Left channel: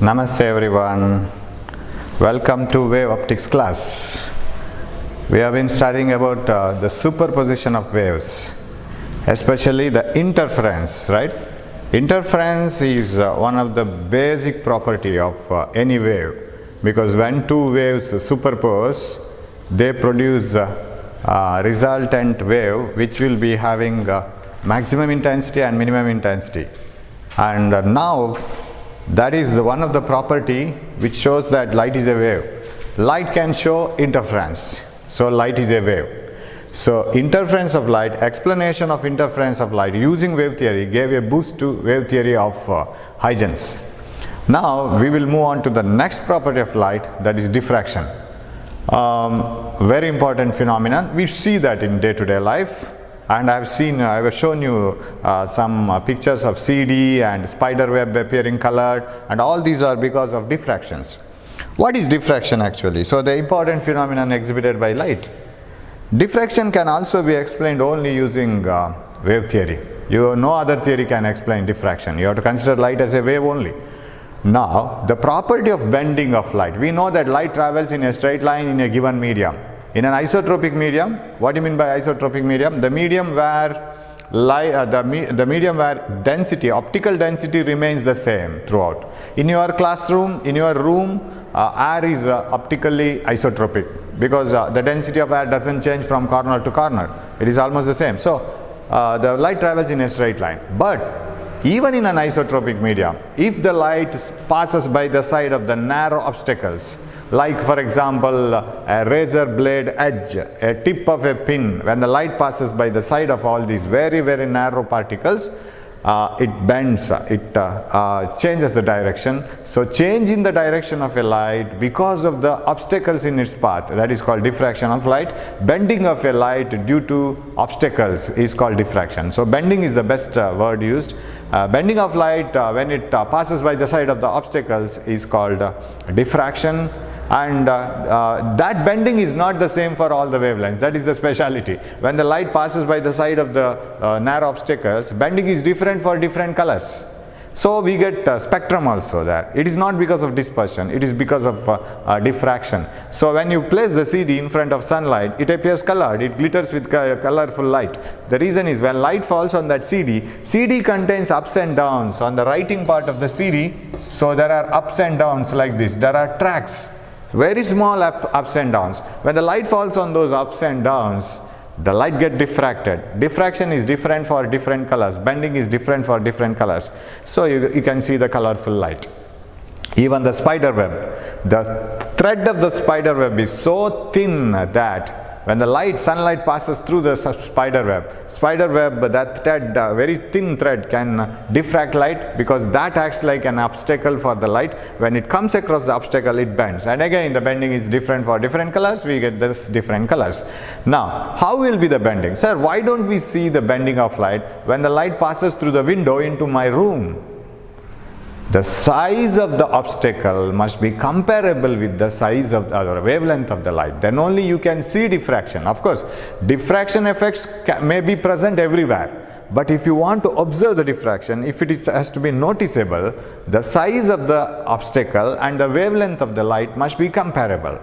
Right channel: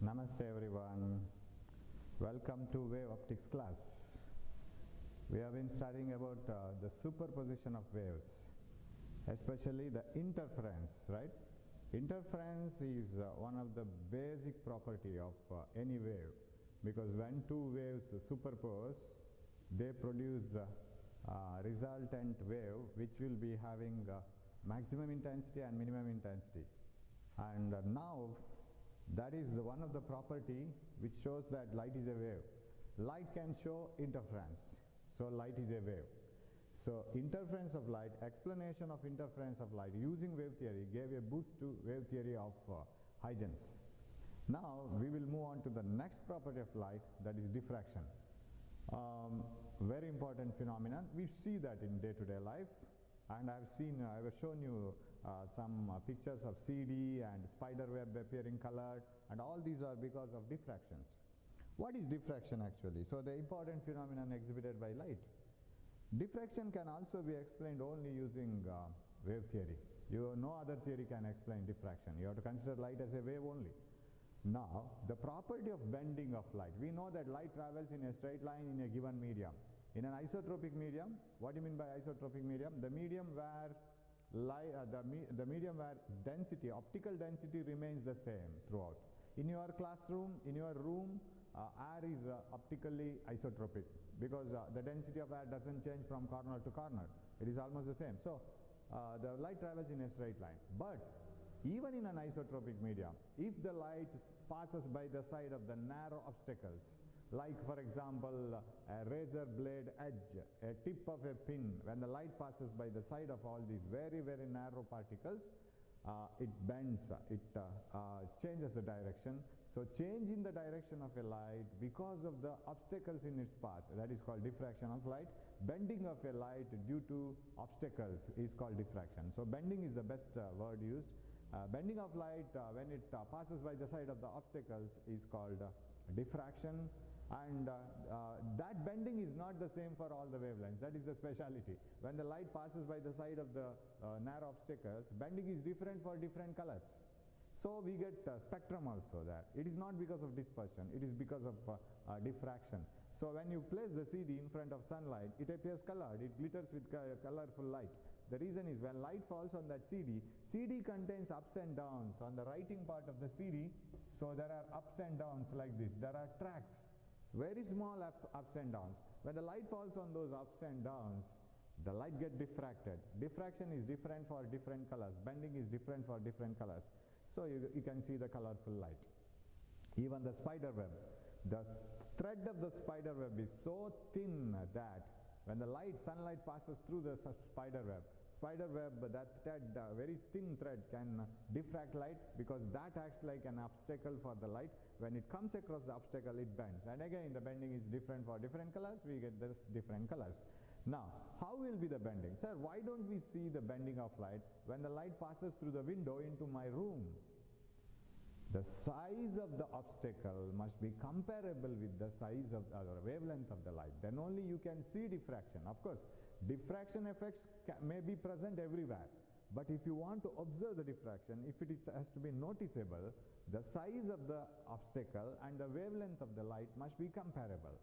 Namaste everyone. Welcome to wave optics class. We have been studying about the superposition of waves, especially the interference, right? Interference is one of the basic property of any wave, because when two waves superpose, they produce a resultant wave which will be having maximum intensity and minimum intensity. And now that is one of the property which shows that light is a wave. Light can show interference, so light is a wave. So interference of light, explanation of interference of light using wave theory gave a boost to wave theory of Huygens. Now we will move on to the next property of light, that is diffraction. Very important phenomenon. We see that in day-to-day life. And I have shown you some pictures of CD and spider web appearing colored, and all these are because of diffractions. What is diffraction actually? So the important phenomenon exhibited by light. Diffraction can also be explained only using wave theory. No other theory can explain diffraction. You have to consider light as a wave only. Now, the property of bending of light. We know that light travels in a straight line in a given medium. In an isotropic medium, what do you mean by isotropic medium? The medium where density, optical density remains the same throughout. In your classroom, in your room, air is optically isotropic, because the density of air doesn't change from corner to corner. It is almost the same. So the light travels in a straight line. But even in an isotropic medium, if the light passes by the side of the narrow obstacles, like for example a razor blade edge, a tip of a pin, when the light passes by the side of all these very narrow particles, it bends, it changes the direction. So change in the direction of a light because of the obstacles in its path, that is called diffraction of light. Bending of a light due to obstacles is called diffraction. So bending is the best word used. Bending of light when it passes by the side of the obstacles is called diffraction. And that bending is not the same for all the wavelengths. That is the speciality. When the light passes by the side of the narrow obstacles, bending is different for different colors. So we get spectrum also there. It is not because of dispersion, it is because of diffraction. So when you place the CD in front of sunlight, it appears colored, it glitters with colorful light. The reason is when light falls on that CD contains ups and downs on the writing part of the CD. So there are ups and downs like this. There are tracks, very small ups and downs. When the light falls on those ups and downs, the light gets diffracted. Diffraction is different for different colors. Bending is different for different colors. So you can see the colorful light. Even the spider web. The thread of the spider web is so thin that when the sunlight passes through the spider web, that thread, very thin thread, can diffract light, because that acts like an obstacle for the light. When it comes across the obstacle, it bends. And again, the bending is different for different colors. We get this different colors. Now, how will be the bending? Sir, why don't we see the bending of light when the light passes through the window into my room? The size of the obstacle must be comparable with the size of the wavelength of the light. Then only you can see diffraction. Of course, diffraction effects may be present everywhere. But if you want to observe the diffraction, if it has to be noticeable, the size of the obstacle and the wavelength of the light must be comparable.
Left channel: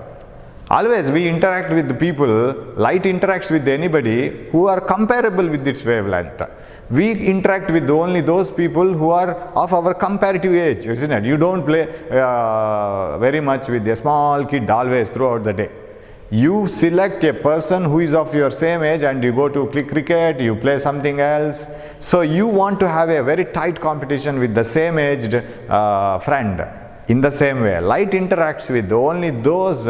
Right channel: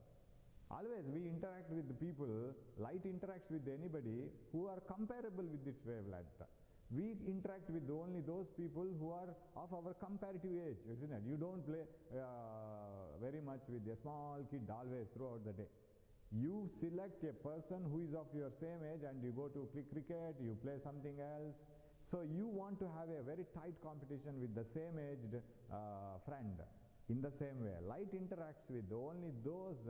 Always we interact with the people, light interacts with anybody who are comparable with its wavelength. We interact with only those people who are of our comparative age, isn't it? You don't play very much with a small kid always throughout the day. You select a person who is of your same age and you go to play cricket, you play something else. So you want to have a very tight competition with the same aged friend. In the same way, light interacts with only those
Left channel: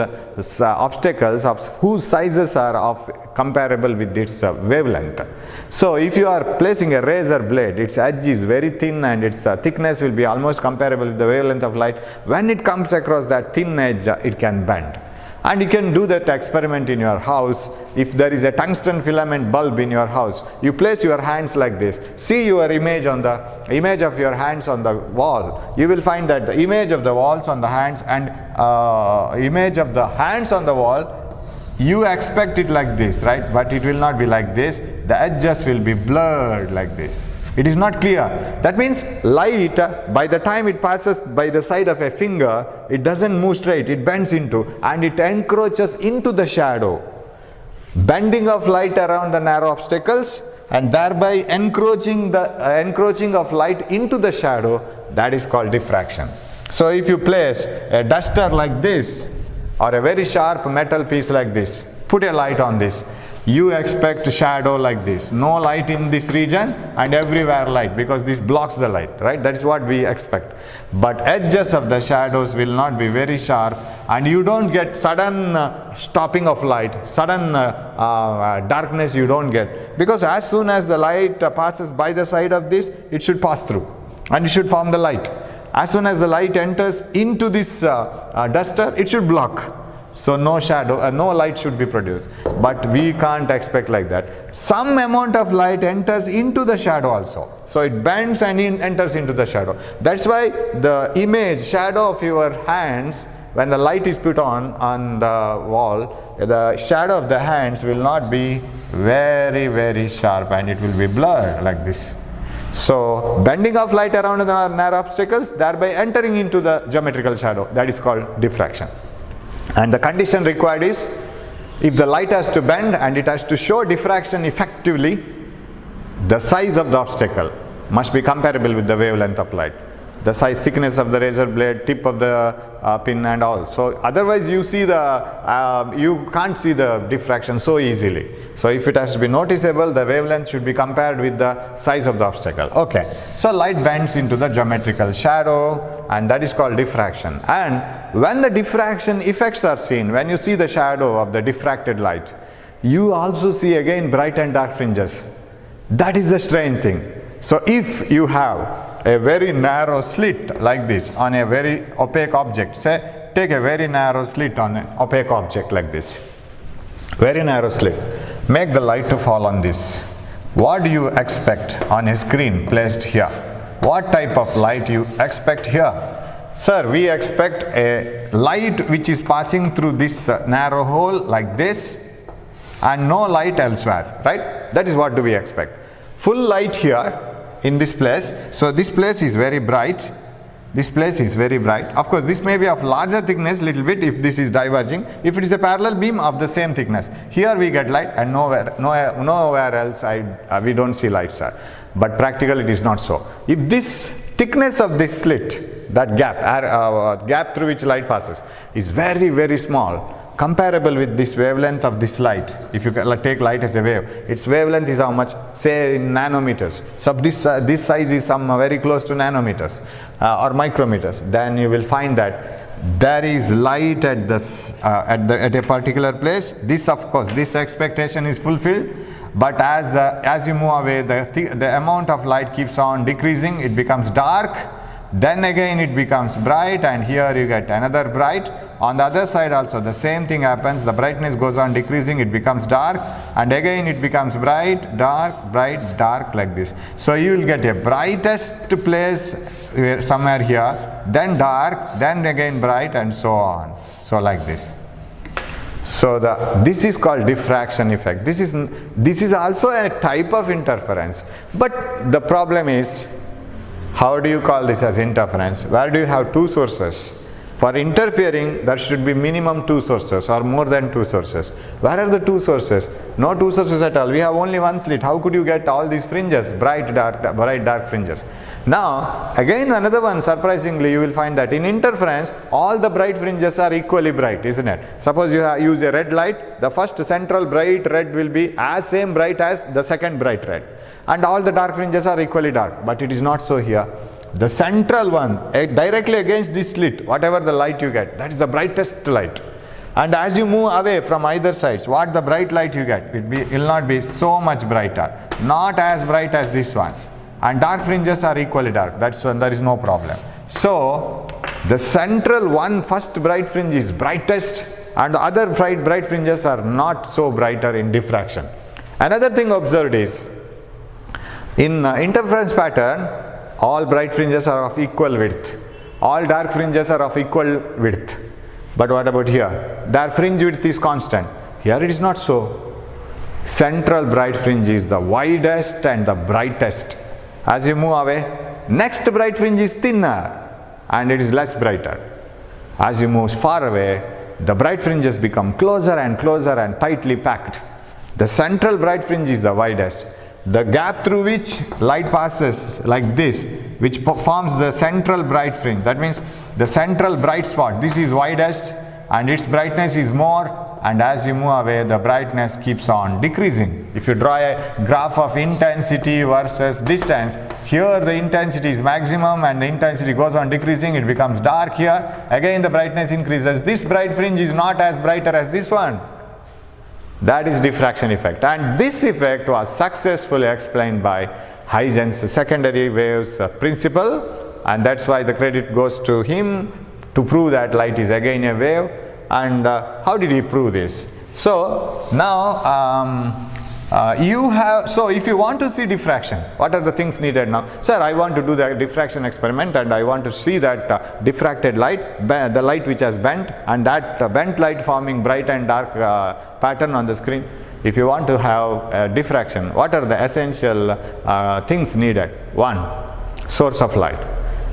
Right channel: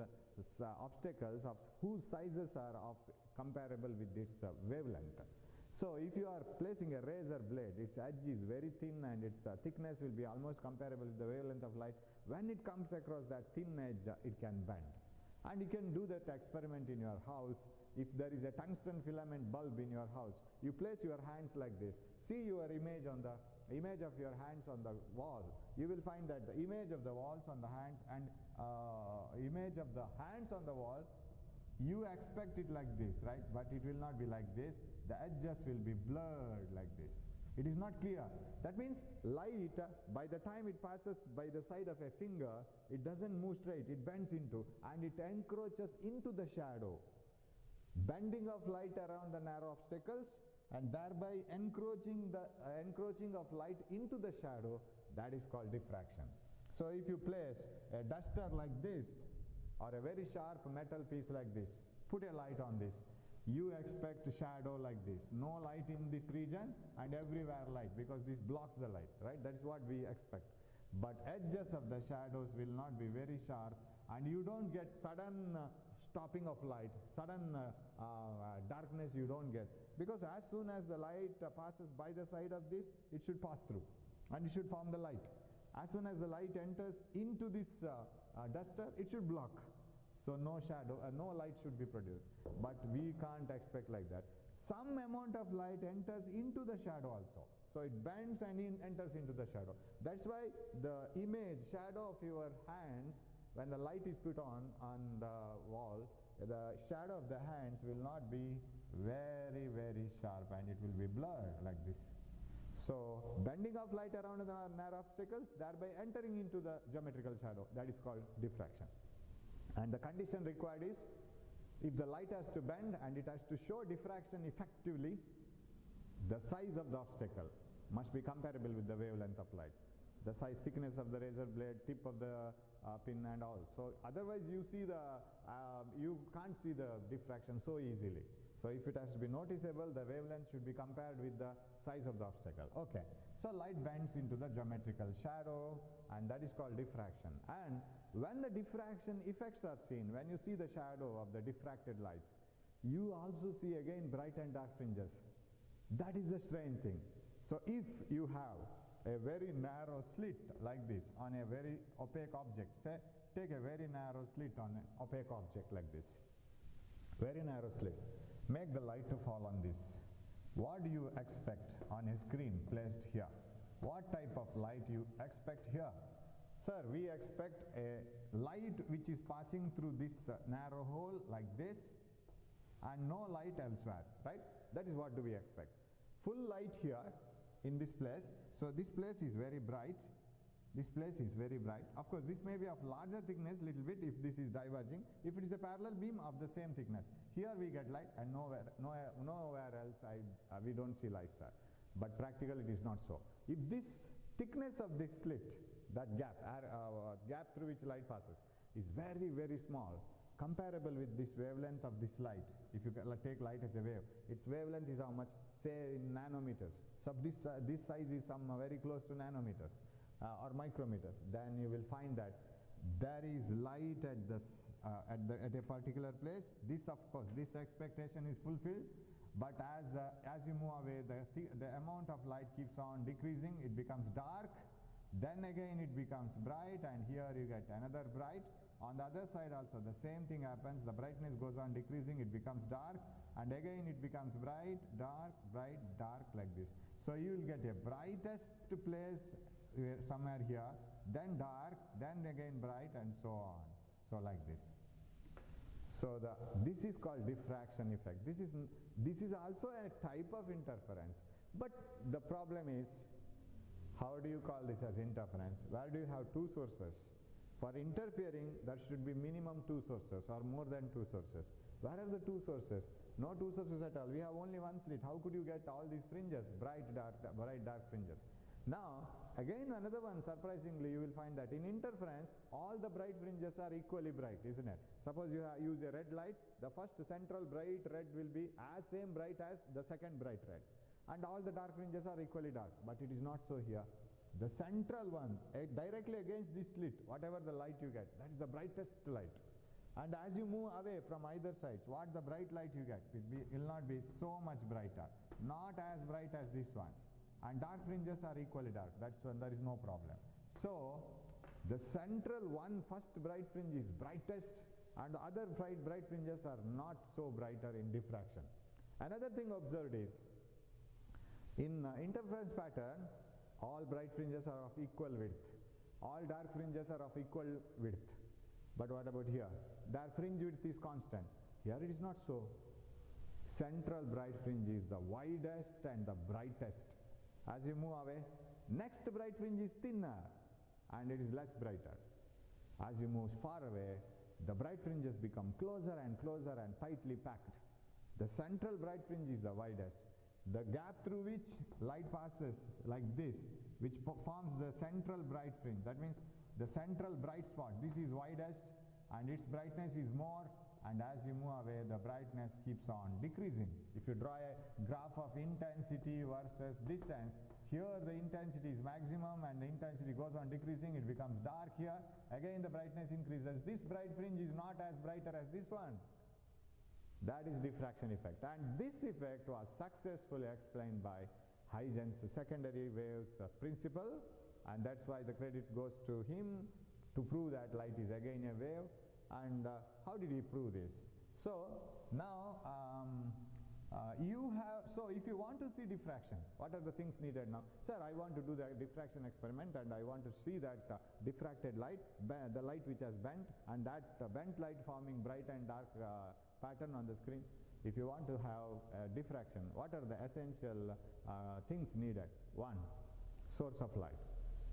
obstacles of whose sizes are comparable with its wavelength. So if you are placing a razor blade, its edge is very thin and its thickness will be almost comparable with the wavelength of light. When it comes across that thin edge, it can bend. And you can do that experiment in your house. If there is a tungsten filament bulb in your house, you place your hands like this. See your image of your hands on the wall. You will find that the image of the walls on the hands and image of the hands on the wall, you expect it like this, right? But it will not be like this. The edges will be blurred like this. It is not clear. That means light, by the time it passes by the side of a finger, it doesn't move straight, it bends into, and it encroaches into the shadow. Bending of light around the narrow obstacles and thereby encroaching of light into the shadow, that is called diffraction. So if you place a duster like this or a very sharp metal piece like this, put a light on this, you expect shadow like this. No light in this region and everywhere light, because this blocks the light, right? That is what we expect. But edges of the shadows will not be very sharp, and you don't get sudden stopping of light, sudden darkness you don't get. Because as soon as the light passes by the side of this, it should pass through and it should form the light. As soon as the light enters into this duster, it should block. So no shadow, no light should be produced. But we can't expect like that. Some amount of light enters into the shadow also. So it bends and enters into the shadow. That's why the image, shadow of your hands, when the light is put on the wall, the shadow of the hands will not be very, very sharp, and it will be blurred like this. So bending of light around the narrow obstacles, thereby entering into the geometrical shadow, that is called diffraction. And the condition required is, if the light has to bend and it has to show diffraction effectively, the size of the obstacle must be comparable with the wavelength of light. The size, thickness of the razor blade, tip of the pin and all. So otherwise you see you can't see the diffraction so easily. So if it has to be noticeable, the wavelength should be compared with the size of the obstacle. Okay. So light bends into the geometrical shadow, and that is called diffraction. And when the diffraction effects are seen, when you see the shadow of the diffracted light, you also see again bright and dark fringes. That is the strange thing. So if you have a very narrow slit like this on a very opaque object, say take a very narrow slit on an opaque object like this, very narrow slit, make the light to fall on this. What do you expect on a screen placed here? What type of light you expect here? Sir, we expect a light which is passing through this narrow hole like this and no light elsewhere, right? That is what do we expect. Full light here in this place. So this place is very bright. This place is very bright. Of course, this may be of larger thickness little bit if this is diverging. If it is a parallel beam of the same thickness, here we get light and nowhere else we don't see light, sir. But practically it is not so. If this thickness of this slit, that gap through which light passes, is very, very small, comparable with this wavelength of this light. If you take light as a wave, its wavelength is how much? Say in nanometers. So this size is very close to nanometers or micrometers. Then you will find that there is light at a particular place. This, of course, this expectation is fulfilled. But as you move away, the amount of light keeps on decreasing. It becomes dark. Then again it becomes bright, and here you get another bright. On the other side also the same thing happens. The brightness goes on decreasing, it becomes dark, and again it becomes bright, dark, like this. So you will get a brightest place somewhere here, then dark, then again bright, and so on. So like this. So this is called diffraction effect. This is also a type of interference. But the problem is, how do you call this as interference? Where do you have two sources? For interfering, there should be minimum two sources or more than two sources. Where are the two sources? No two sources at all. We have only one slit. How could you get all these fringes, bright, dark fringes? Now, again another one, surprisingly, you will find that in interference, all the bright fringes are equally bright, isn't it? Suppose you use a red light, the first central bright red will be as same bright as the second bright red. And all the dark fringes are equally dark, but it is not so here. The central one, directly against this slit, whatever the light you get, that is the brightest light. And as you move away from either sides, what the bright light you get, it will not be so much brighter, not as bright as this one. And dark fringes are equally dark, that's when there is no problem. So the central one, first bright fringe is brightest, and the other bright fringes are not so brighter in diffraction. Another thing observed is, in interference pattern, all bright fringes are of equal width. All dark fringes are of equal width. But what about here? Their fringe width is constant. Here it is not so. Central bright fringe is the widest and the brightest. As you move away, next bright fringe is thinner and it is less brighter. As you move far away, the bright fringes become closer and closer and tightly packed. The central bright fringe is the widest. The gap through which light passes, like this, which forms the central bright fringe, that means the central bright spot, this is widest and its brightness is more, and as you move away the brightness keeps on decreasing. If you draw a graph of intensity versus distance, here the intensity is maximum and the intensity goes on decreasing, it becomes dark here, again the brightness increases. This bright fringe is not as brighter as this one. That is diffraction effect, and this effect was successfully explained by Huygens' secondary waves principle, and that's why the credit goes to him to prove that light is again a wave. And how did he prove this? So now so if you want to see diffraction, what are the things needed now? Sir, I want to do the diffraction experiment and I want to see that diffracted light, the light which has bent, and that bent light forming bright and dark pattern on the screen. If you want to have diffraction, what are the essential things needed? One, source of light.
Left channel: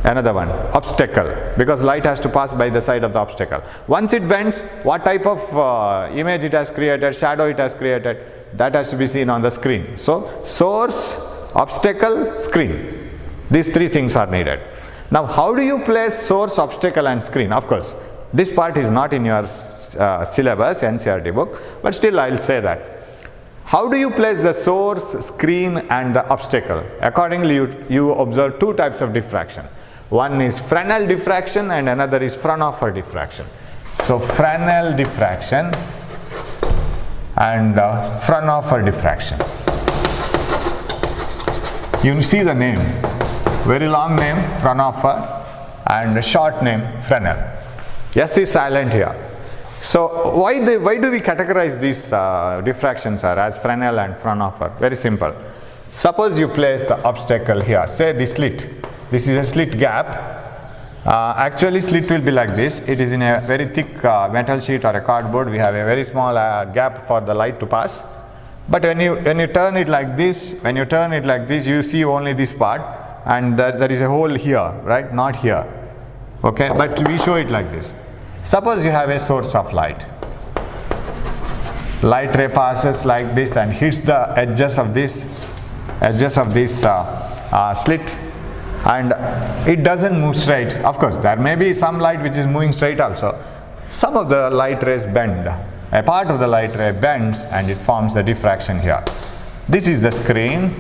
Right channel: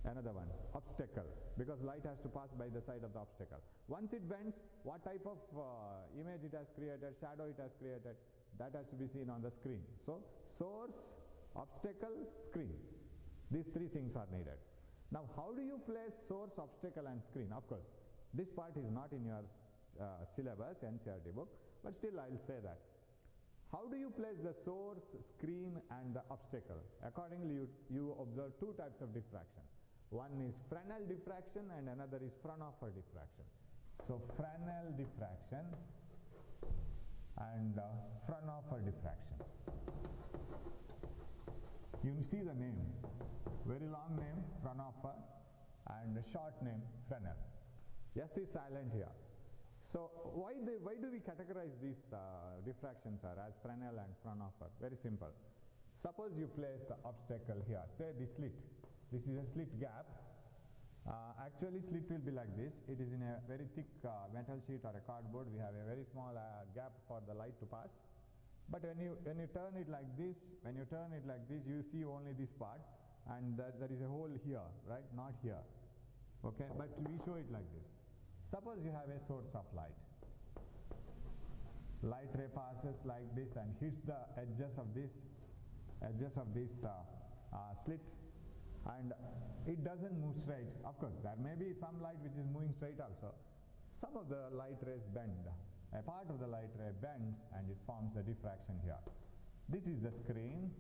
Another one, obstacle, because light has to pass by the side of the obstacle. Once it bends, what type of image it has created, shadow it has created, that has to be seen on the screen. So source, obstacle, screen, these three things are needed. Now how do you place source, obstacle and screen? Of course this part is not in your syllabus, NCERT book, but still I will say that. How do you place the source, screen and the obstacle? Accordingly you observe two types of diffraction. One is Fresnel diffraction and another is Fraunhofer diffraction. So Fresnel diffraction and Fraunhofer diffraction. You see the name, very long name Fraunhofer and short name Fresnel. S is silent here. So why do we categorize these diffractions as Fresnel and Fraunhofer? Very simple. Suppose you place the obstacle here, say the slit. This is a slit gap. Actually slit will be like this. It is in a very thick metal sheet or a cardboard. We have a very small gap for the light to pass. But when you turn it like this, you see only this part, and there is a hole here, right? Not here. Okay, but we show it like this. Suppose you have a source of light. Light ray passes like this and hits the edges of this slit, and it doesn't move straight. Of course there may be some light which is moving straight also. Some of the light rays bend. A part of the light ray bends and it forms a diffraction here. This is the screen.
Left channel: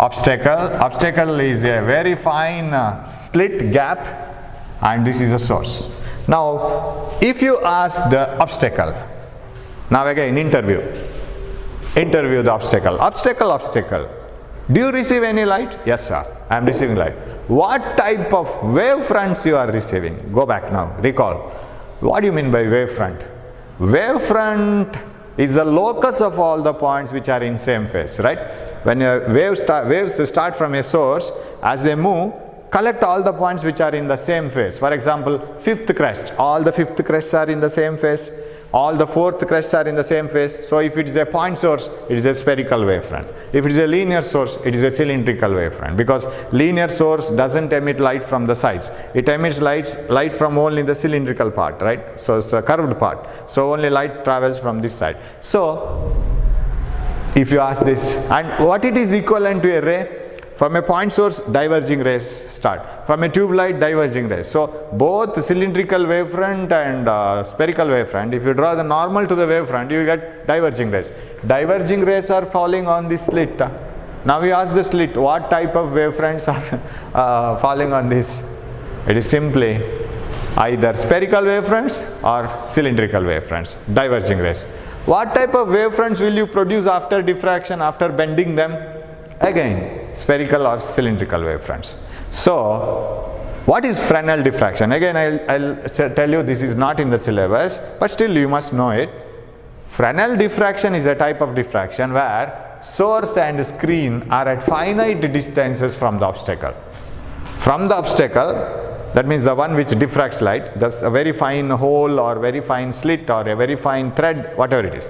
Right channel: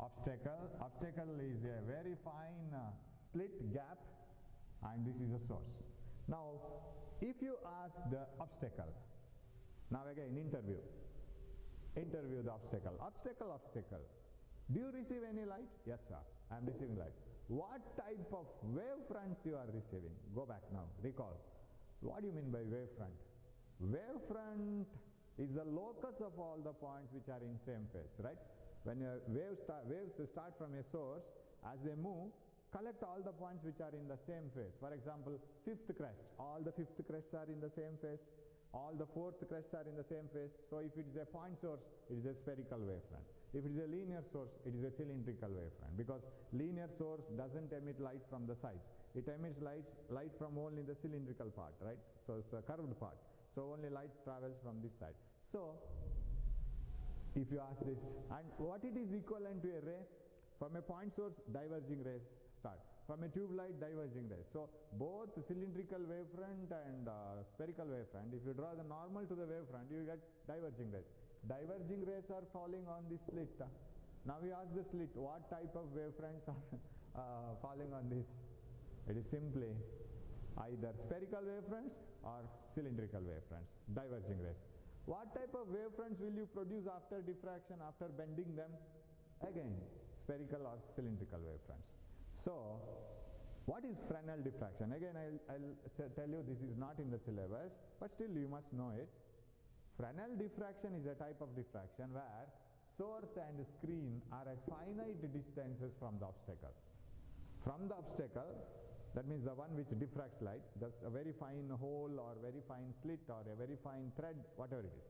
Obstacle is a very fine slit gap, and this is a source. Now if you ask the obstacle, now again interview the obstacle, do you receive any light? Yes sir, I am receiving light. What type of wavefronts you are receiving? Go back now, recall. What do you mean by wavefront? Wavefront is the locus of all the points which are in same phase, right? When waves start from a source, as they move, collect all the points which are in the same phase. For example, fifth crest, all the fifth crests are in the same phase, all the fourth crests are in the same phase. So if it is a point source, it is a spherical wavefront. If it is a linear source, it is a cylindrical wavefront, because linear source doesn't emit light from the sides. It emits light from only the cylindrical part, right? So it's a curved part. So only light travels from this side. So if you ask this, and what it is equivalent to a ray? From a point source, diverging rays start. From a tube light, diverging rays. So both cylindrical wavefront and spherical wavefront, if you draw the normal to the wavefront, you get diverging rays. Diverging rays are falling on this slit. Now we ask the slit, what type of wavefronts are falling on this? It is simply either spherical wavefronts or cylindrical wavefronts, diverging rays. What type of wavefronts will you produce after diffraction, after bending them? Again, spherical or cylindrical wavefronts. So what is Fresnel diffraction? Again, I'll tell you this is not in the syllabus, but still you must know it. Fresnel diffraction is a type of diffraction where source and screen are at finite distances from the obstacle. From the obstacle, that means the one which diffracts light, that's a very fine hole or very fine slit or a very fine thread, whatever it is.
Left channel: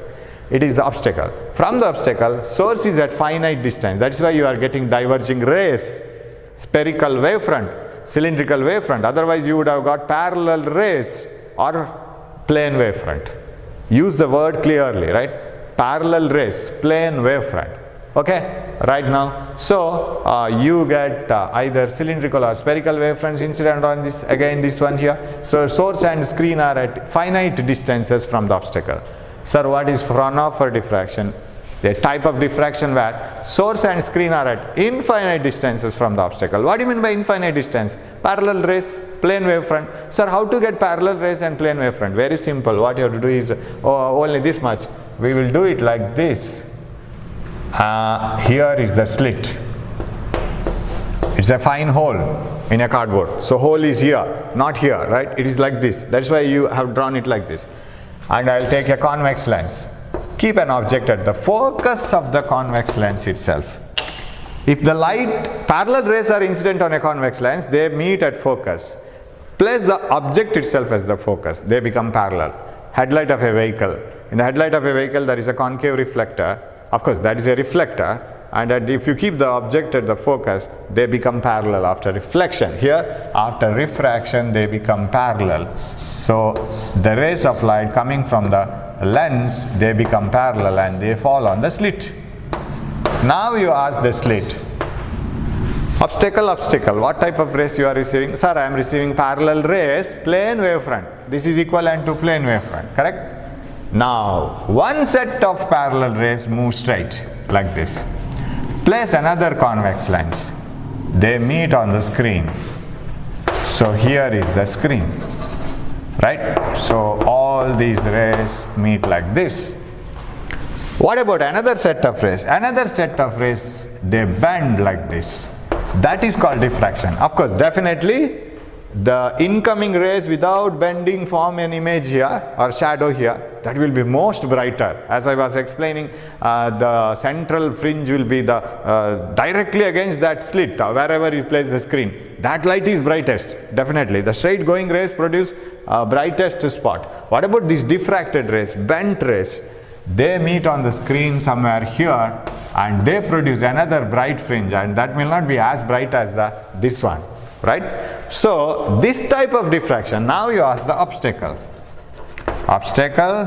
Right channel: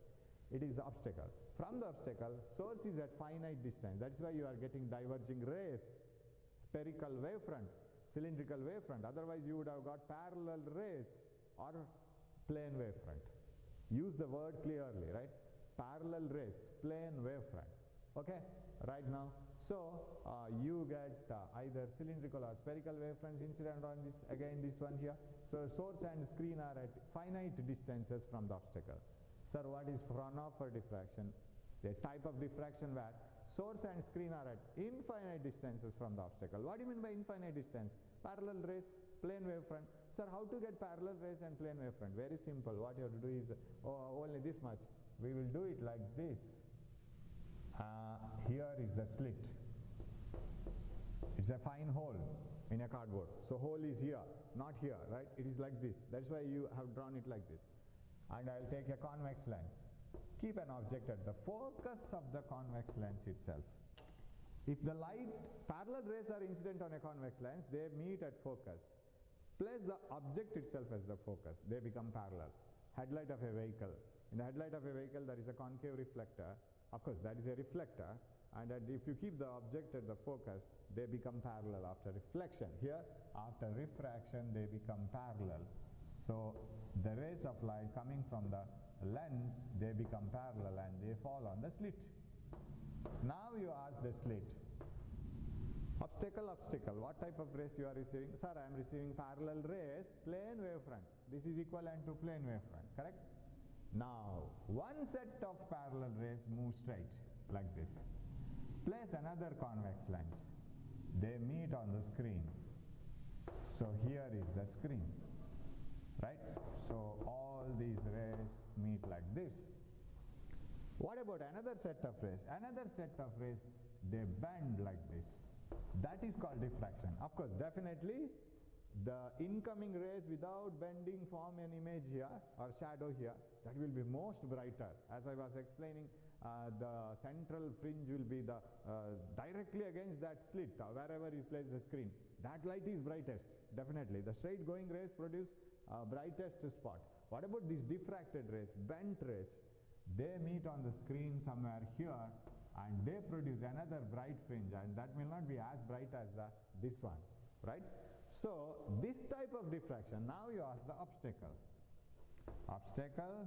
It is the obstacle. From the obstacle, source is at finite distance. That is why you are getting diverging rays, spherical wavefront, cylindrical wavefront. Otherwise you would have got parallel rays or plane wavefront. Use the word clearly, right? Parallel rays, plane wavefront. Okay, right now. So you get either cylindrical or spherical wavefronts incident on this, again this one here. So source and screen are at finite distances from the obstacle. Sir, what is Fraunhofer diffraction? The type of diffraction where source and screen are at infinite distances from the obstacle. What do you mean by infinite distance? Parallel rays, plane wavefront. Sir, how to get parallel rays and plane wavefront? Very simple. What you have to do is only this much. We will do it like this. Here is the slit. It's a fine hole in a cardboard. So hole is here, not here, right? It is like this. That's why you have drawn it like this. And I'll take a convex lens. Keep an object at the focus of the convex lens itself. If the light, parallel rays are incident on a convex lens, they meet at focus. Place the object itself as the focus. They become parallel. Headlight of a vehicle. In the headlight of a vehicle, there is a concave reflector. Of course, that is a reflector, and if you keep the object at the focus, they become parallel after reflection. Here, after refraction, they become parallel. So the rays of light coming from the lens, they become parallel and they fall on the slit. Now you ask the slit, obstacle, obstacle, what type of rays you are receiving? Sir, I am receiving parallel rays, plane wavefront. This is equivalent to plane wavefront, correct? Now, one set of parallel rays move straight like this. Place another convex lens. They meet on the screen. So here is the screen, right? So all these rays meet like this. What about another set of rays? Another set of rays, they bend like this. That is called diffraction. Of course, definitely the incoming rays without bending form an image here or shadow here. That will be most brighter. As I was explaining, the central fringe will be the directly against that slit wherever you place the screen. That light is brightest, definitely. The straight going rays produce brightest spot. What about these diffracted rays, bent rays? They meet on the screen somewhere here and they produce another bright fringe, and that will not be as bright as this one, right? So this type of diffraction, now you ask the obstacle. Obstacle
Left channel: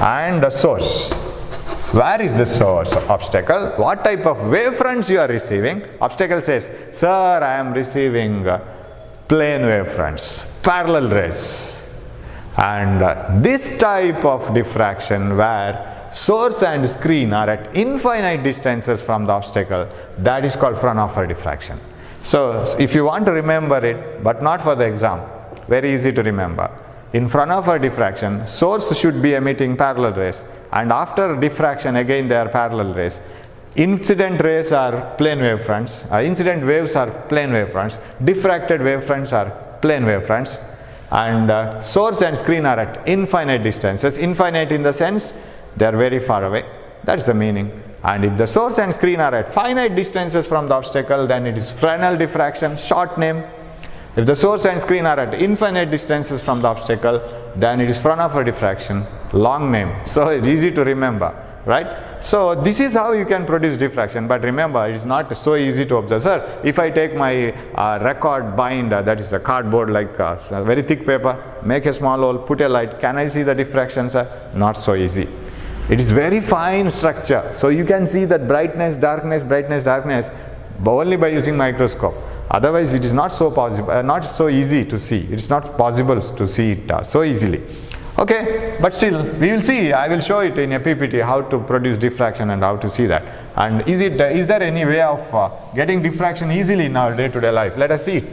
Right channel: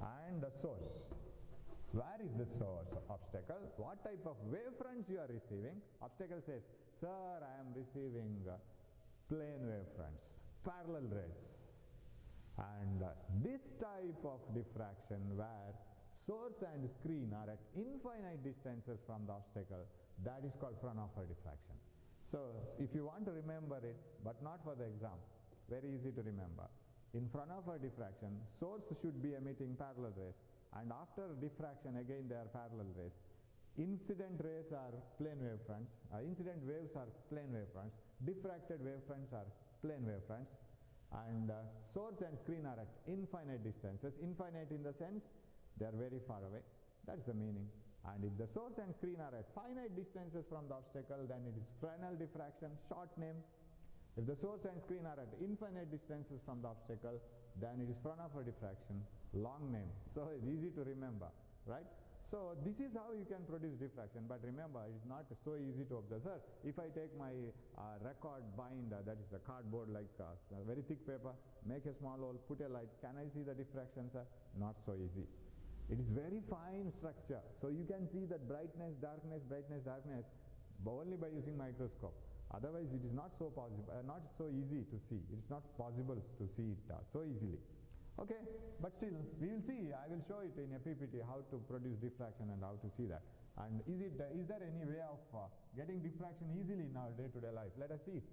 and the source. Where is the source of obstacle? What type of wavefronts you are receiving? Obstacle says, sir, I am receiving plane wavefronts, parallel rays. And this type of diffraction where source and screen are at infinite distances from the obstacle, that is called Fraunhofer diffraction. So if you want to remember it, but not for the exam, very easy to remember. In Fraunhofer diffraction, source should be emitting parallel rays, and after diffraction again they are parallel rays. Incident rays are plane wavefronts, incident waves are plane wavefronts, diffracted wavefronts are plane wavefronts, and source and screen are at infinite distances. Infinite in the sense they are very far away. That's the meaning. And if the source and screen are at finite distances from the obstacle, then it is Fresnel diffraction, short name. If the source and screen are at infinite distances from the obstacle, then it is Fraunhofer diffraction, long name. So it's easy to remember, right? So this is how you can produce diffraction, but remember, it is not so easy to observe. Sir, if I take my record binder, that is a cardboard like a very thick paper, make a small hole, put a light, can I see the diffraction, sir? Not so easy. It is very fine structure, so you can see that brightness, darkness, but only by using microscope. Otherwise, it is not so possible, not so easy to see. It is not possible to see it so easily. Okay, but still, we will see. I will show it in a PPT how to produce diffraction and how to see that. And is there any way of getting diffraction easily in our day-to-day life? Let us see it.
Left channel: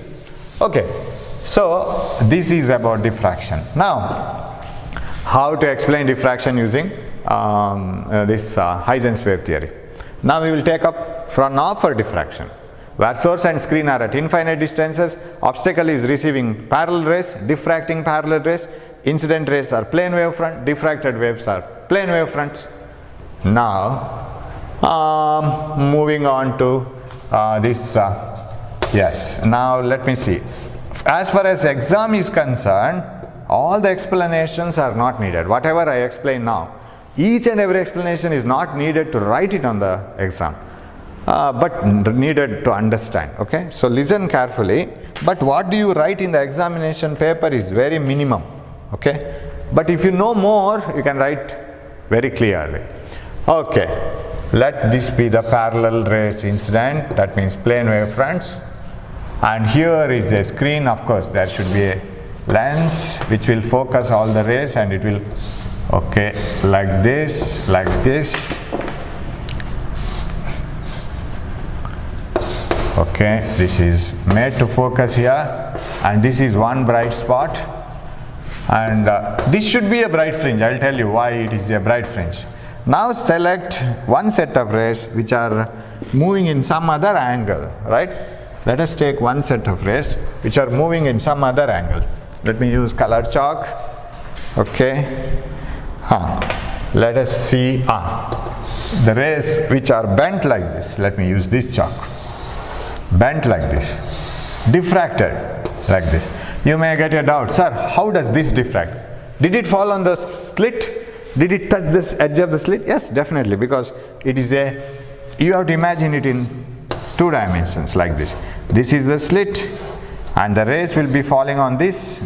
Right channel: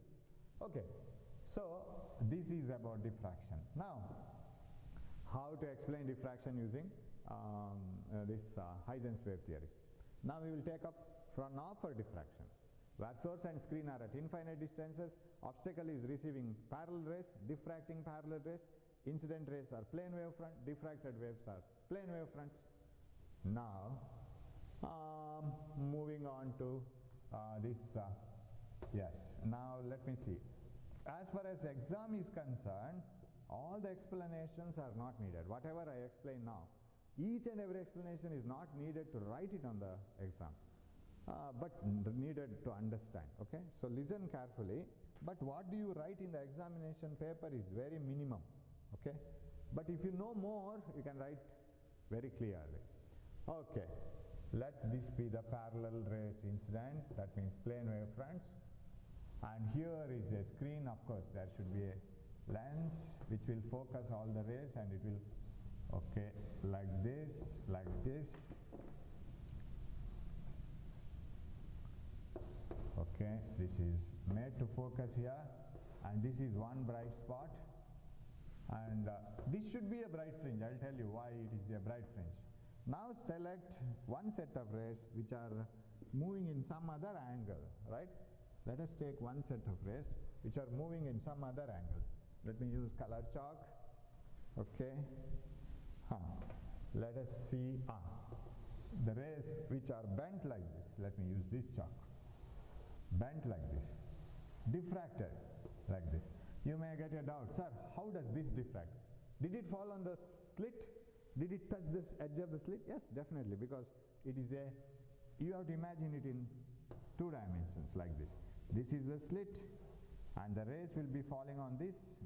Okay, so this is about diffraction. Now, how to explain diffraction using this Huygens wave theory. Now we will take up Fraunhofer diffraction, where source and screen are at infinite distances, obstacle is receiving parallel rays, diffracting parallel rays, incident rays are plane wavefront, diffracted waves are plane wavefronts. Now, moving on to this, yes, now let me see. As far as exam is concerned, all the explanations are not needed. Whatever I explain now, Each and every explanation is not needed to write it on the exam, but needed to understand. Okay, so listen carefully. But what do you write in the examination paper is very minimum. Okay, but if you know more, you can write very clearly. Okay, let this be the parallel rays incident, that means plane wave fronts, and here is a screen. Of course there should be a lens which will focus all the rays, and it will, okay, like this, like this. Okay, this is made to focus here, and this is one bright spot, and this should be a bright fringe. I'll tell you why it is a bright fringe. Now select one set of rays which are moving in some other angle, right? Let us take one set of rays which are moving in some other angle. Let me use colored chalk. Okay, let us see the rays which are bent like this. Let me use this chalk. Bent like this, diffracted like this. You may get a doubt, sir, how does this diffract? Did it fall on the slit? Did it touch this edge of the slit? Yes, definitely, because it is you have to imagine it in 2 dimensions like this. This is the slit, and the rays will be falling on this,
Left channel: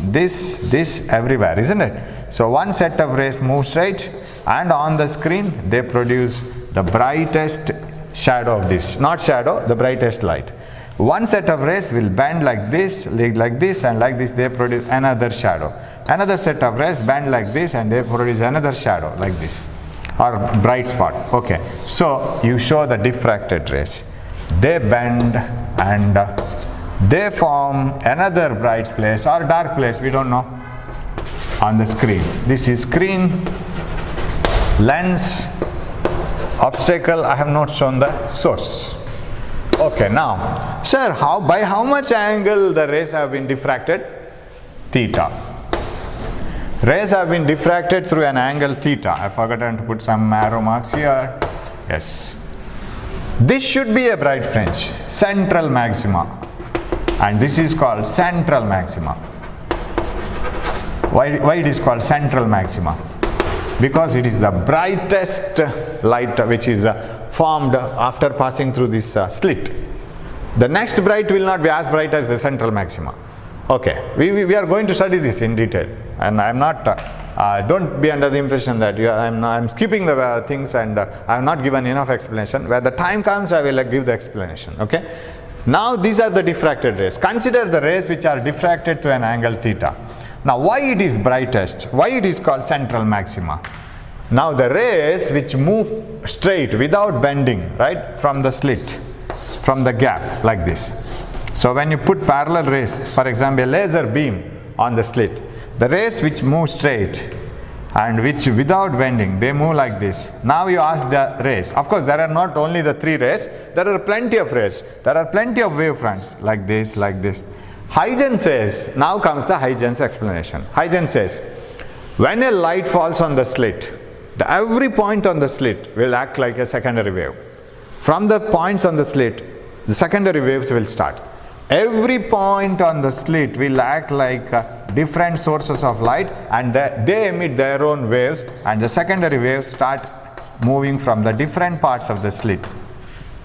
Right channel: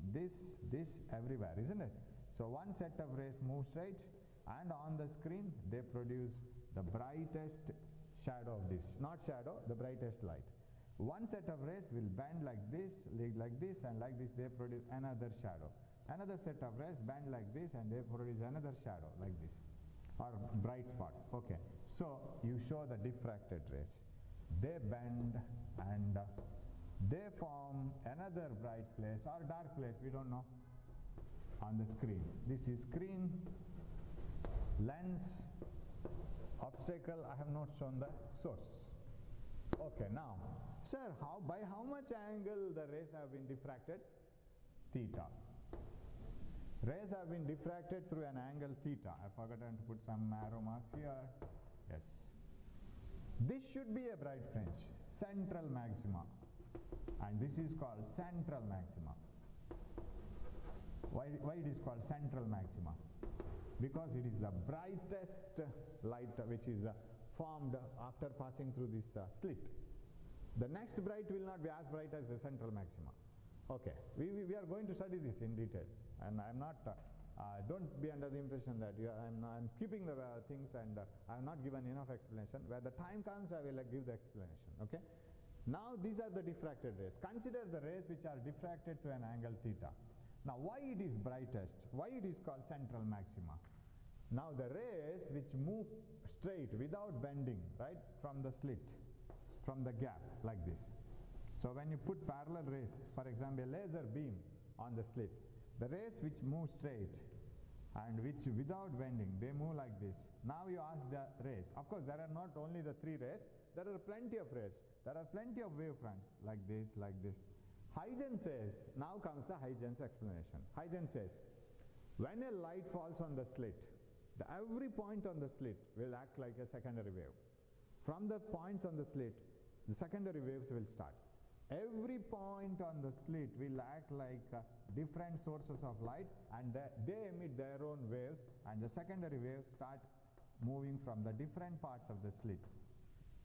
everywhere, isn't it? So one set of rays move straight, and on the screen they produce the brightest shadow of this, not shadow, the brightest light. One set of rays will bend like this, and like this, they produce another shadow. Another set of rays bend like this, and they produce another shadow like this, or bright spot. Okay, so you show the diffracted rays. They bend and they form another bright place or dark place, we don't know, on the screen. This is screen, lens, obstacle. I have not shown the source. Okay, now, sir, by how much angle the rays have been diffracted? Theta. Rays have been diffracted through an angle theta. I forgot to put some arrow marks here. Yes. This should be a bright fringe, central maxima, and this is called central maxima. Why it is called central maxima? Because it is the brightest light which is formed after passing through this slit. The next bright will not be as bright as the central maxima. Okay, we are going to study this in detail, and I am not, don't be under the impression that I am skipping the things, and I have not given enough explanation. Where the time comes, I will give the explanation. Okay, now these are the diffracted rays. Consider the rays which are diffracted to an angle theta. Now why it is brightest? Why it is called central maxima? Now the rays which move straight without bending, right, from the slit, from the gap like this. So when you put parallel rays, for example a laser beam on the slit, the rays which move straight and which without bending, they move like this. Now you ask the rays. Of course there are not only the 3 rays, there are plenty of rays. There are plenty of wave fronts like this, like this. Huygens says, now comes the Huygens explanation. Huygens says, when a light falls on the slit, every point on the slit will act like a secondary wave. From the points on the slit, the secondary waves will start. Every point on the slit will act like different sources of light, and they emit their own waves, and the secondary waves start moving from the different parts of the slit.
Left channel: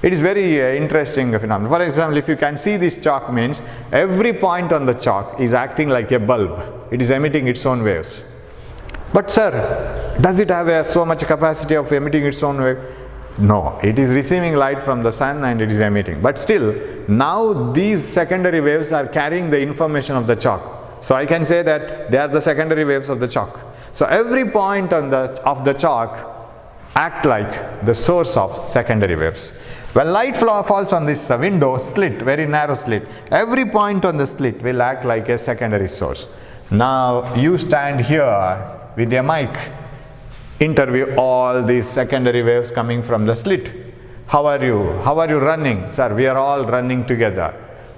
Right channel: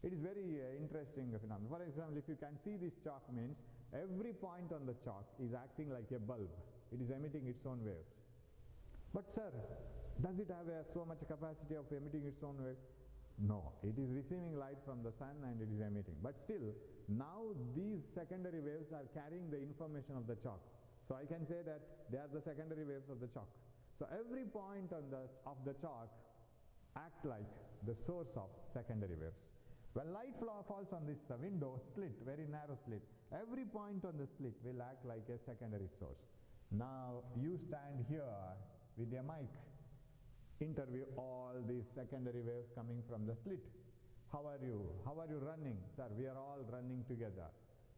It is very interesting phenomenon. For example, if you can see this chalk, means every point on the chalk is acting like a bulb. It is emitting its own waves. But sir, does it have so much capacity of emitting its own wave? No, it is receiving light from the sun and it is emitting. But still, now these secondary waves are carrying the information of the chalk. So I can say that they are the secondary waves of the chalk. So every point of the chalk act like the source of secondary waves. When light falls on this window slit, very narrow slit, every point on the slit will act like a secondary source. Now you stand here with a mic, interview all these secondary waves coming from the slit. How are you? How are you running? Sir, we are all running together.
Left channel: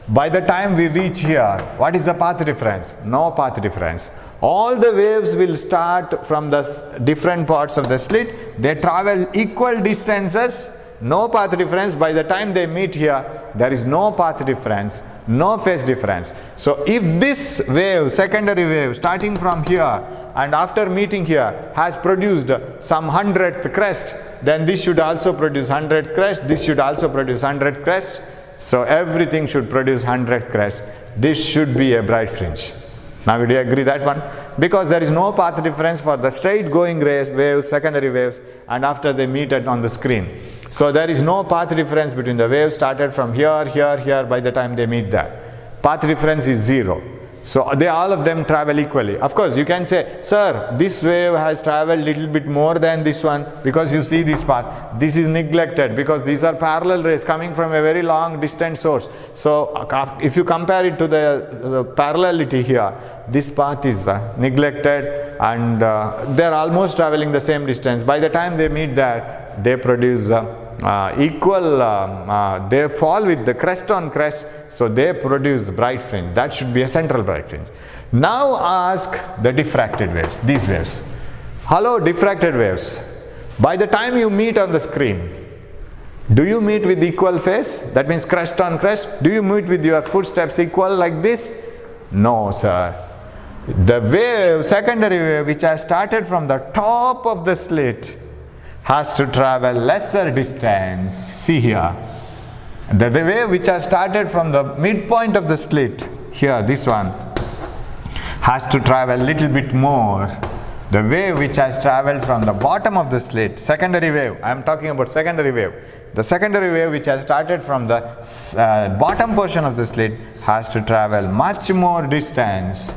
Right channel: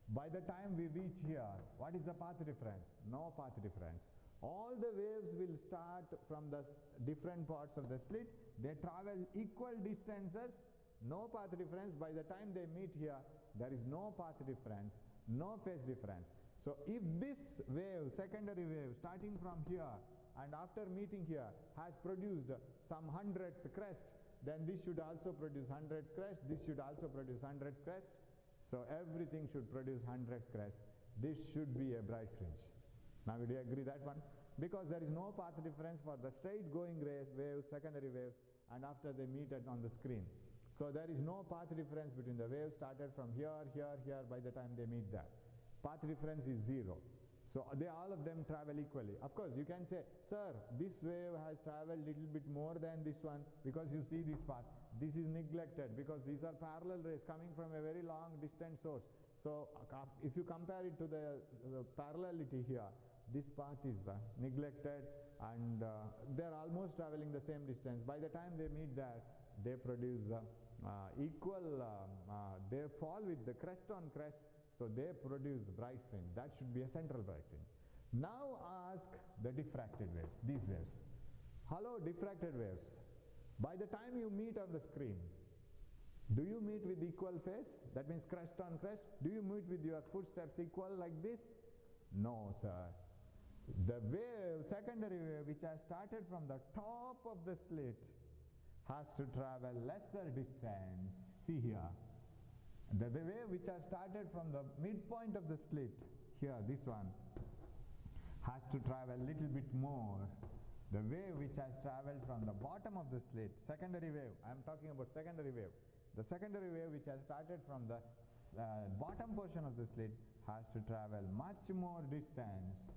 By the time we reach here, what is the path difference? No path difference. All the waves will start from the different parts of the slit. They travel equal distances, no path difference. By the time they meet here, there is no path difference, no phase difference. So if this wave, secondary wave, starting from here, and after meeting here has produced some 100th crest, then this should also produce 100th crest, this should also produce 100th crest. So everything should produce 100th crest. This should be a bright fringe. Now do you agree that one? Because there is no path difference for the straight going waves, secondary waves, and after they meet on the screen. So there is no path difference between the waves started from here, here, here by the time they meet there. Path difference is 0. So all of them travel equally. Of course, you can say, sir, this wave has traveled little bit more than this one because you see this path. This is neglected because these are parallel rays coming from a very long distant source. So if you compare it to the parallelity here, this path is neglected, and they are almost traveling the same distance. By the time they meet there, they produce equal, they fall with the crest on crest. So they produce bright fringe. That should be a central bright fringe. Now ask the diffracted waves, these waves. Hello, diffracted waves. By the time you meet on the screen, do you meet with equal phase? That means crest on crest. Do you meet with your footsteps equal like this? No, sir. The wave, secondary wave, which has started from the top of the slit, has to travel lesser distance. See here. The wave which has started from the midpoint of the slit, here, this one, has to travel a little bit more. The wave which has traveled from the bottom of the slit, secondary wave, I am talking about secondary wave. The secondary wave which has started from the bottom portion of the slit has to travel much more distance.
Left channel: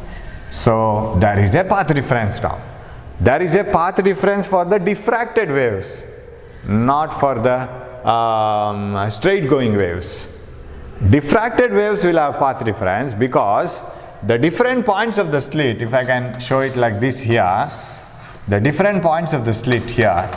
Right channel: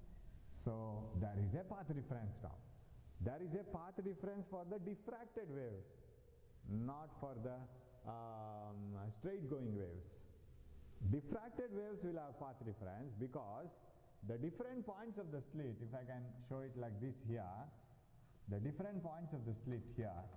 So there is a path difference now. There is a path difference for the diffracted waves, not for the straight going waves. Diffracted waves will have path difference because the different points of the slit, if I can show it like this here, the different points of the slit here,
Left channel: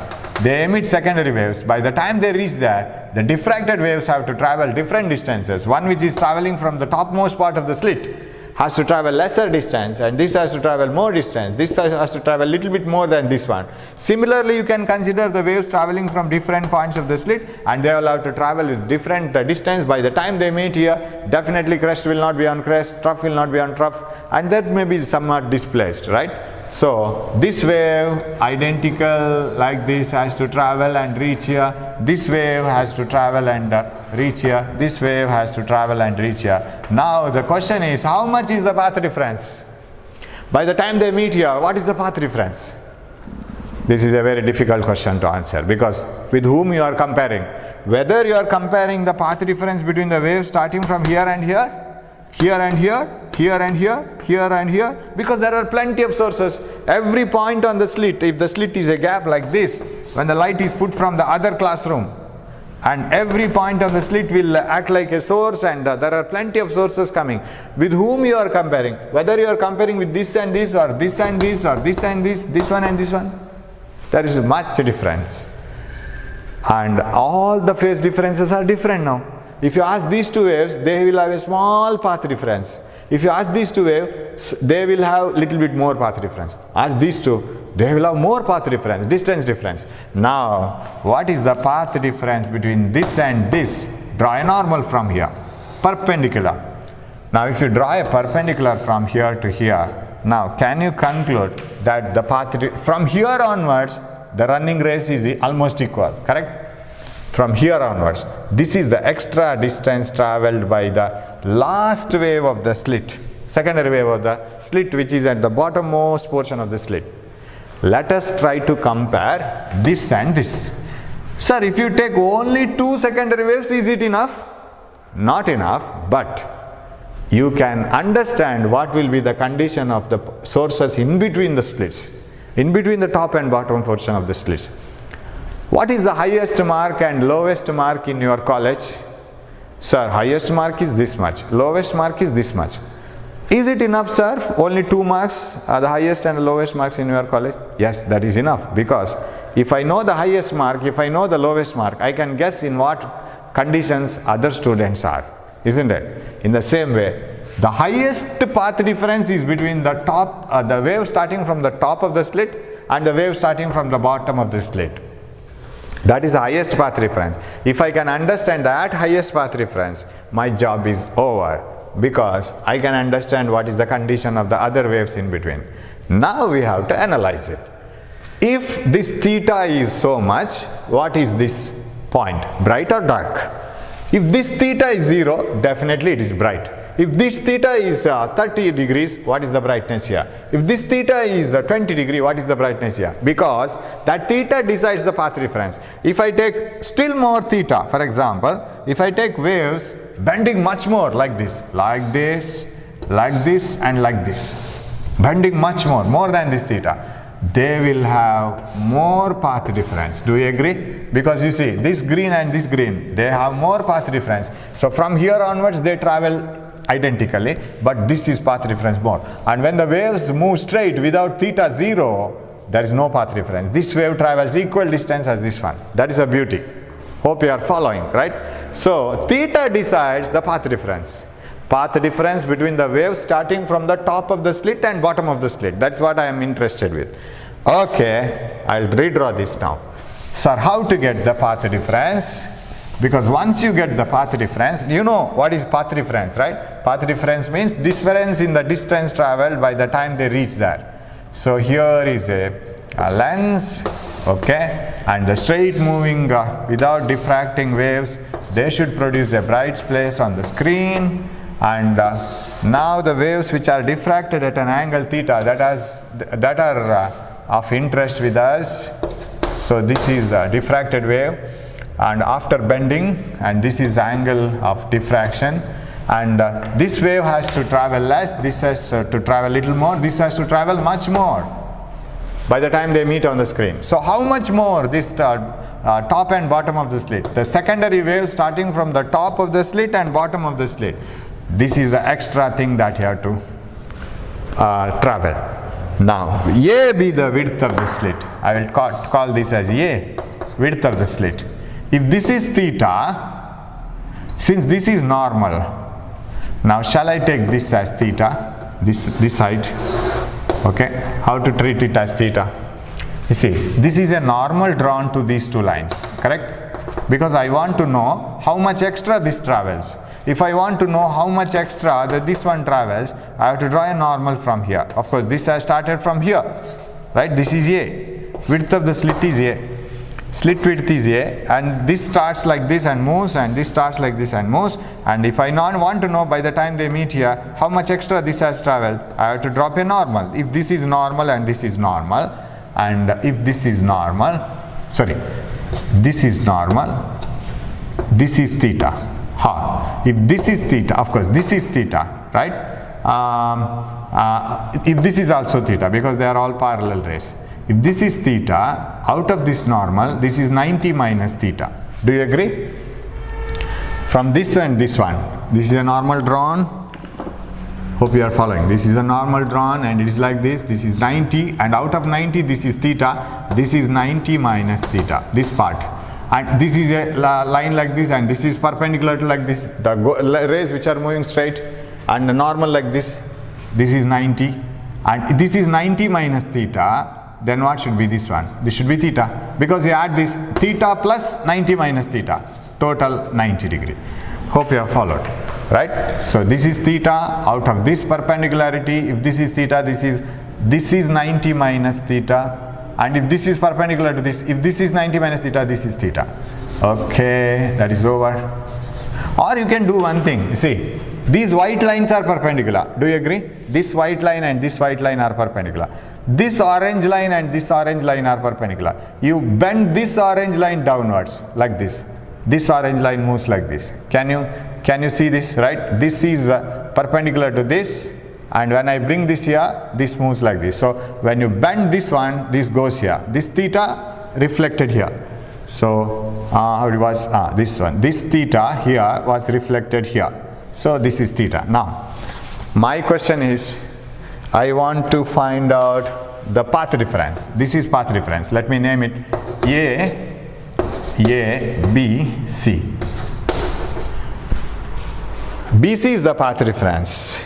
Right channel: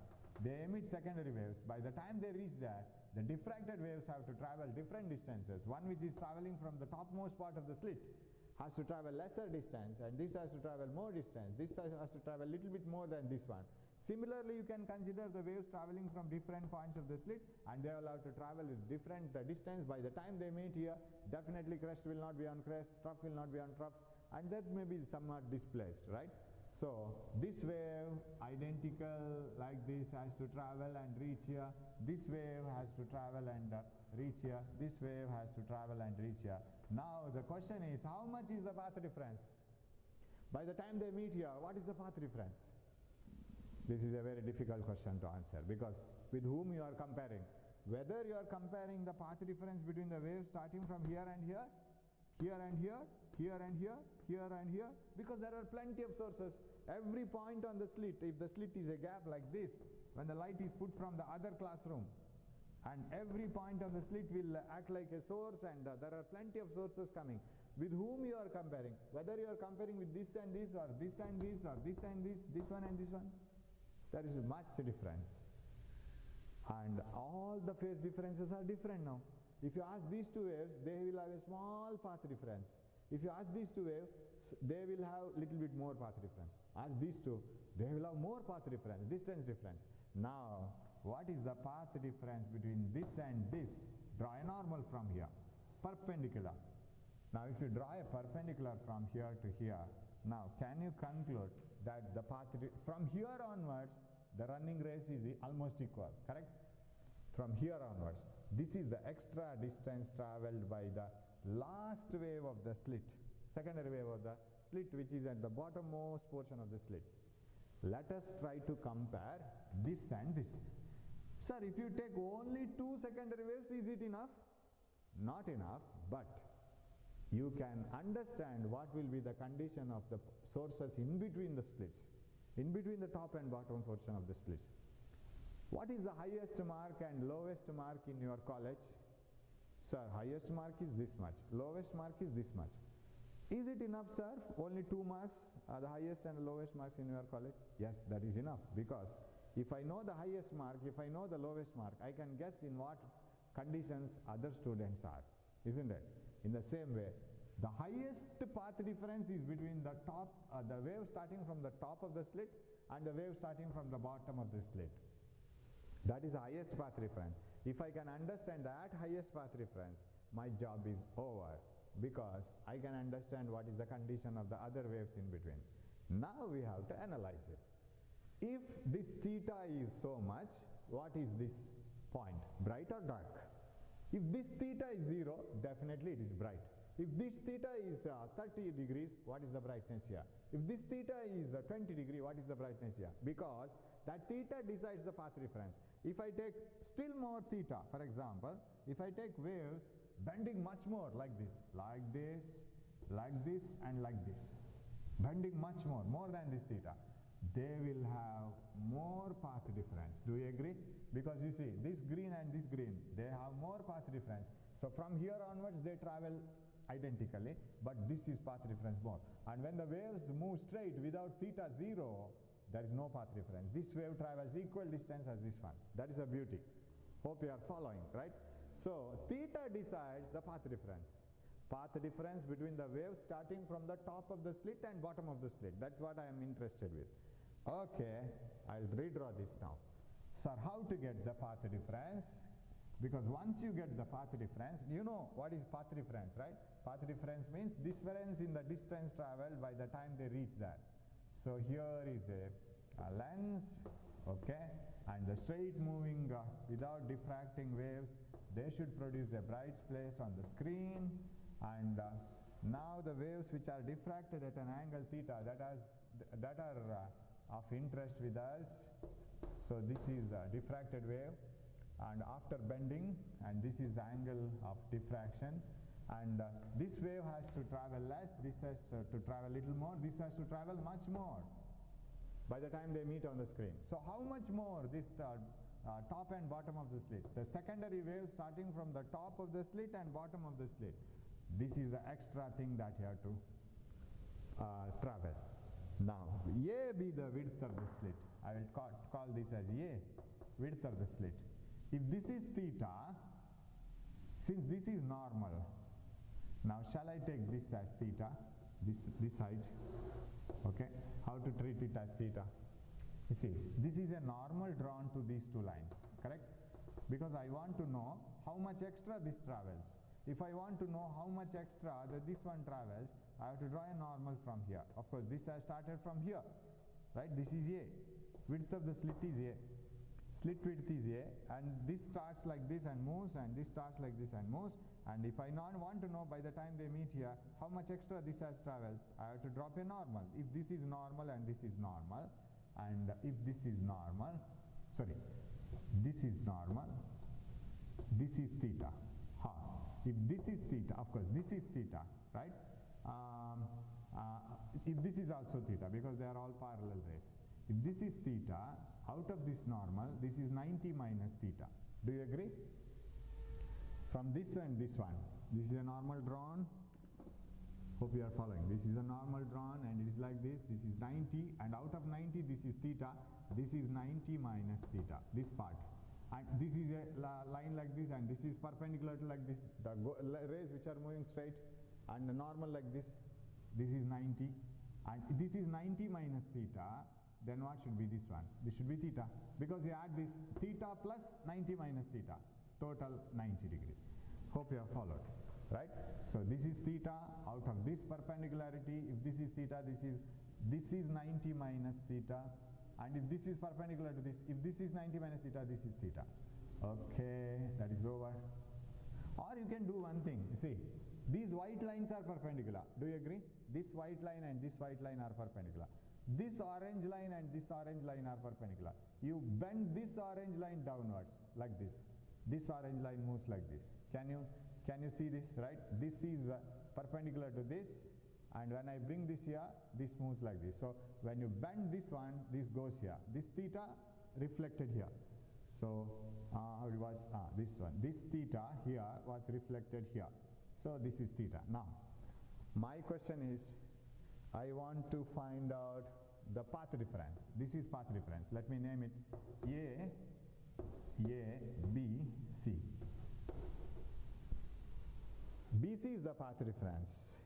they emit secondary waves. By the time they reach there, the diffracted waves have to travel different distances. One which is traveling from the topmost part of the slit has to travel lesser distance, and this has to travel more distance. This has to travel a little bit more than this one. Similarly, you can consider the waves traveling from different points of the slit, and they will have to travel with different distance. By the time they meet here, definitely crest will not be on crest, trough will not be on trough, and that may be somewhat displaced, right? So this wave, identical like this, has to travel and reach here. This wave has to travel and reach here. This wave has to travel and reach here. Now the question is, how much is the path difference? By the time they meet here, what is the path difference? This is a very difficult question to answer, because with whom you are comparing? Whether you are comparing the path difference between the waves starting from here and here, here and here, here and here, here and here, because there are plenty of sources. Every point on the slit, if the slit is a gap like this, when the light is put from the other classroom, and every point on the slit will act like a source, and there are plenty of sources coming. With whom you are comparing? Whether you are comparing with this and this, or this and this, or this and this one and this one, there is much difference. And all the phase differences are different now. If you ask these two waves, they will have a small path difference. If you ask these two waves, they will have little bit more path difference. Ask these two, they will have more path difference, distance difference. Now, what is the path difference between this and this? Draw a normal from here, perpendicular. Now, if you draw a perpendicular from here to here, now can you conclude that the path from here onwards, the running race is almost equal, correct? From here onwards, this is the extra distance traveled by the last wave of the slit, secondary wave of the slit, which is at the bottommost portion of the slit. Let us try to compare this and this. Sir, if you take only two secondary waves, is it enough? Not enough, but you can understand what will be the condition of the sources in between the slits, in between the top and bottom portion of the slits. What is the highest mark and lowest mark in your college? Sir, highest mark is this much, lowest mark is this much. Is it enough, sir? Only 2 marks are the highest and the lowest marks in your college? Yes, that is enough, because if I know the highest mark, if I know the lowest mark, I can guess in what conditions other students are, isn't it? In the same way, the highest path difference is between the top, the wave starting from the top of the slit and the wave starting from the bottom of the slit. That is the highest path difference. If I can understand that highest path difference, my job is over, because I can understand what is the condition of the other waves in between. Now we have to analyze it. If this theta is so much, what is this point? Bright or dark? If this theta is 0, definitely it is bright. If this theta is 30 degrees, what is the brightness here? If this theta is 20 degree, what is the brightness here? Because that theta decides the path difference. If I take still more theta, for example, if I take waves bending much more like this, and like this, bending much more than this theta, they will have more path difference. Do you agree? Because you see, this green and this green, they have more path difference. So from here onwards they travel identically, but this is path difference more. And when the waves move straight without theta 0, there is no path difference. This wave travels equal distance as this one. That is a beauty. Hope you are following, right? So theta decides the path difference. Path difference between the wave starting from the top of the slit and bottom of the slit. That's what I am interested with. Okay, I'll redraw this now. Sir, how to get the path difference? Because once you get the path difference, you know what is path difference, right? Path difference means difference in the distance traveled by the time they reach there. So here is a lens, okay, and the straight moving without diffracting waves, they should produce a bright place on the screen. And now the waves which are diffracted at an angle theta, that are of interest with us. So this is a diffracted wave, and after bending, and this is the angle of diffraction, and this wave has to travel less, this has to travel little more, this has to travel much more by the time they meet on the screen. So how much more this top and bottom of the slit? The secondary wave starting from the top of the slit and bottom of the slit. This is the extra thing that you have to travel. Now, A be the width of the slit. I will call this as A, width of the slit. If this is theta, since this is normal, now shall I take this as theta, this side? Okay, how to treat it as theta? You see, this is a normal drawn to these two lines, correct? Because I want to know how much extra this travels. If I want to know how much extra that this one travels, I have to draw a normal from here. Of course, this has started from here, right? This is A. Width of the slit is A. Slit width is A, and this starts like this and moves, and this starts like this and moves. And if I want to know by the time they meet here how much extra this has traveled, I have to drop a normal. If this is normal and this is normal, and if this is normal, sorry, this is normal, this is theta. If this is theta, of course this is theta, right? If this is also theta, because they are all parallel rays. If this is theta, out of this normal, this is 90 minus theta. Do you agree? From this and this one, this is a normal drawn. Hope you are following. This is a normal drawn, and it is like this. This is 90, and out of 90, this is theta. This is 90 minus theta, this part. And this is a line like this, and this is perpendicular to like this. The rays which are moving straight, and the normal like this. This is 90, and this is 90 minus theta. Then what should be this one? This should be theta, because you add this theta plus 90 minus theta, total 90 degree. Hope you have followed, right? So this is theta out of this perpendicularity. If this is theta, this is 90 minus theta. And if this is perpendicular to this, if this is 90 minus theta, this is theta. Okay, that is over. Or you can do one thing. See, these white lines are perpendicular. Do you agree? This white line and this white line are perpendicular. This orange line and this orange line are perpendicular. You bend this orange line downwards like this. This orange line moves like this. Can you see this, right? This is perpendicular to this. And when I bring this here, this moves like this. So when you bend this one, this goes here. This theta reflected here. So how it was this one. This theta here was reflected here. So this is theta. Now, my question is, I want to find out the path difference. This is path difference. Let me name it A, B, C. BC is the path difference.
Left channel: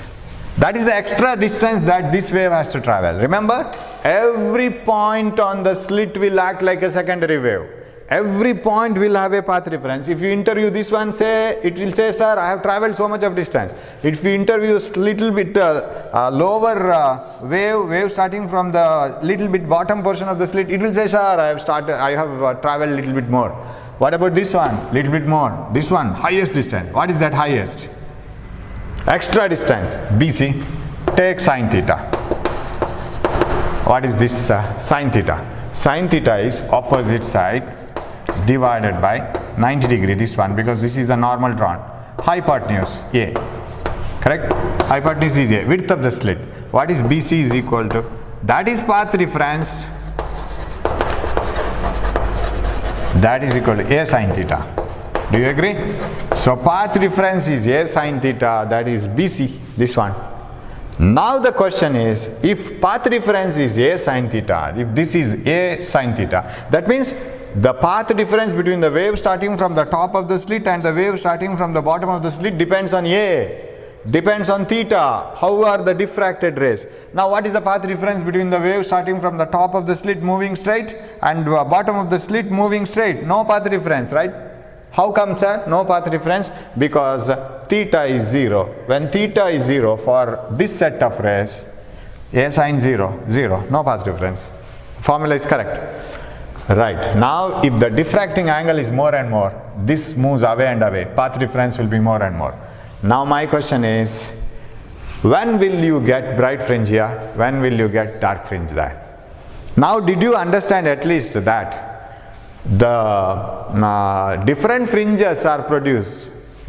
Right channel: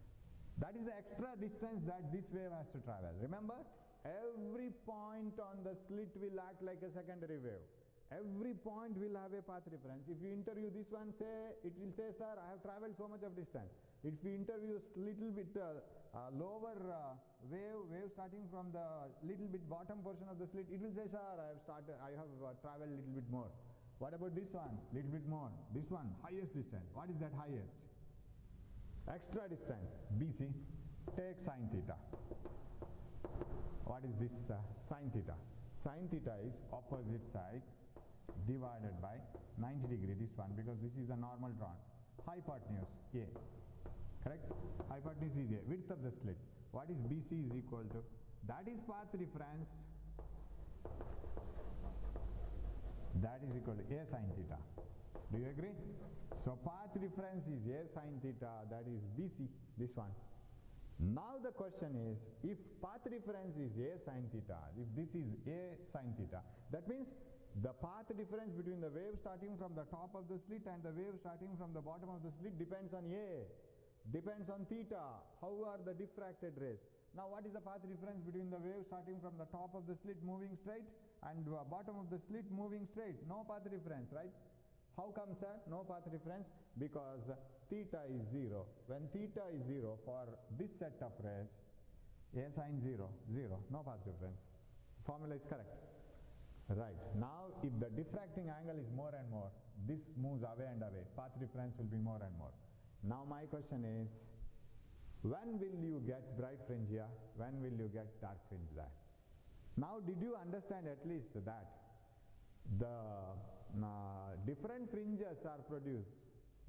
That is the extra distance that this wave has to travel. Remember, every point on the slit will act like a secondary wave. Every point will have a path reference. If you interview this one, say, it will say, sir, I have traveled so much of distance. If you interview little bit lower wave starting from the little bit bottom portion of the slit, it will say, sir, I have traveled little bit more. What about this one? Little bit more. This one, highest distance. What is that highest? Extra distance, BC. Take sine theta. What is this sine theta? Sine theta is opposite side divided by 90 degree, this one, because this is a normal drawn. Hypotenuse A, correct? Hypotenuse is A, width of the slit. What is BC is equal to? That is path reference. That is equal to A sine theta. Do you agree? So path reference is A sine theta, that is BC, this one. Now the question is, if path reference is A sine theta, if this is A sine theta, that means the path difference between the wave starting from the top of the slit and the wave starting from the bottom of the slit depends on A, depends on theta. How are the diffracted rays? Now what is the path difference between the wave starting from the top of the slit moving straight and bottom of the slit moving straight? No path difference, right? How come, sir? No path difference? Because theta is 0. When theta is 0 for this set of rays, A sine 0, 0, no path difference. Formula is correct. Right. Now if the diffracting angle is more and more, this moves away and away, path difference will be more and more. Now my question is, when will you get bright fringe here? When will you get dark fringe there? Now did you understand at least that the different fringes are produced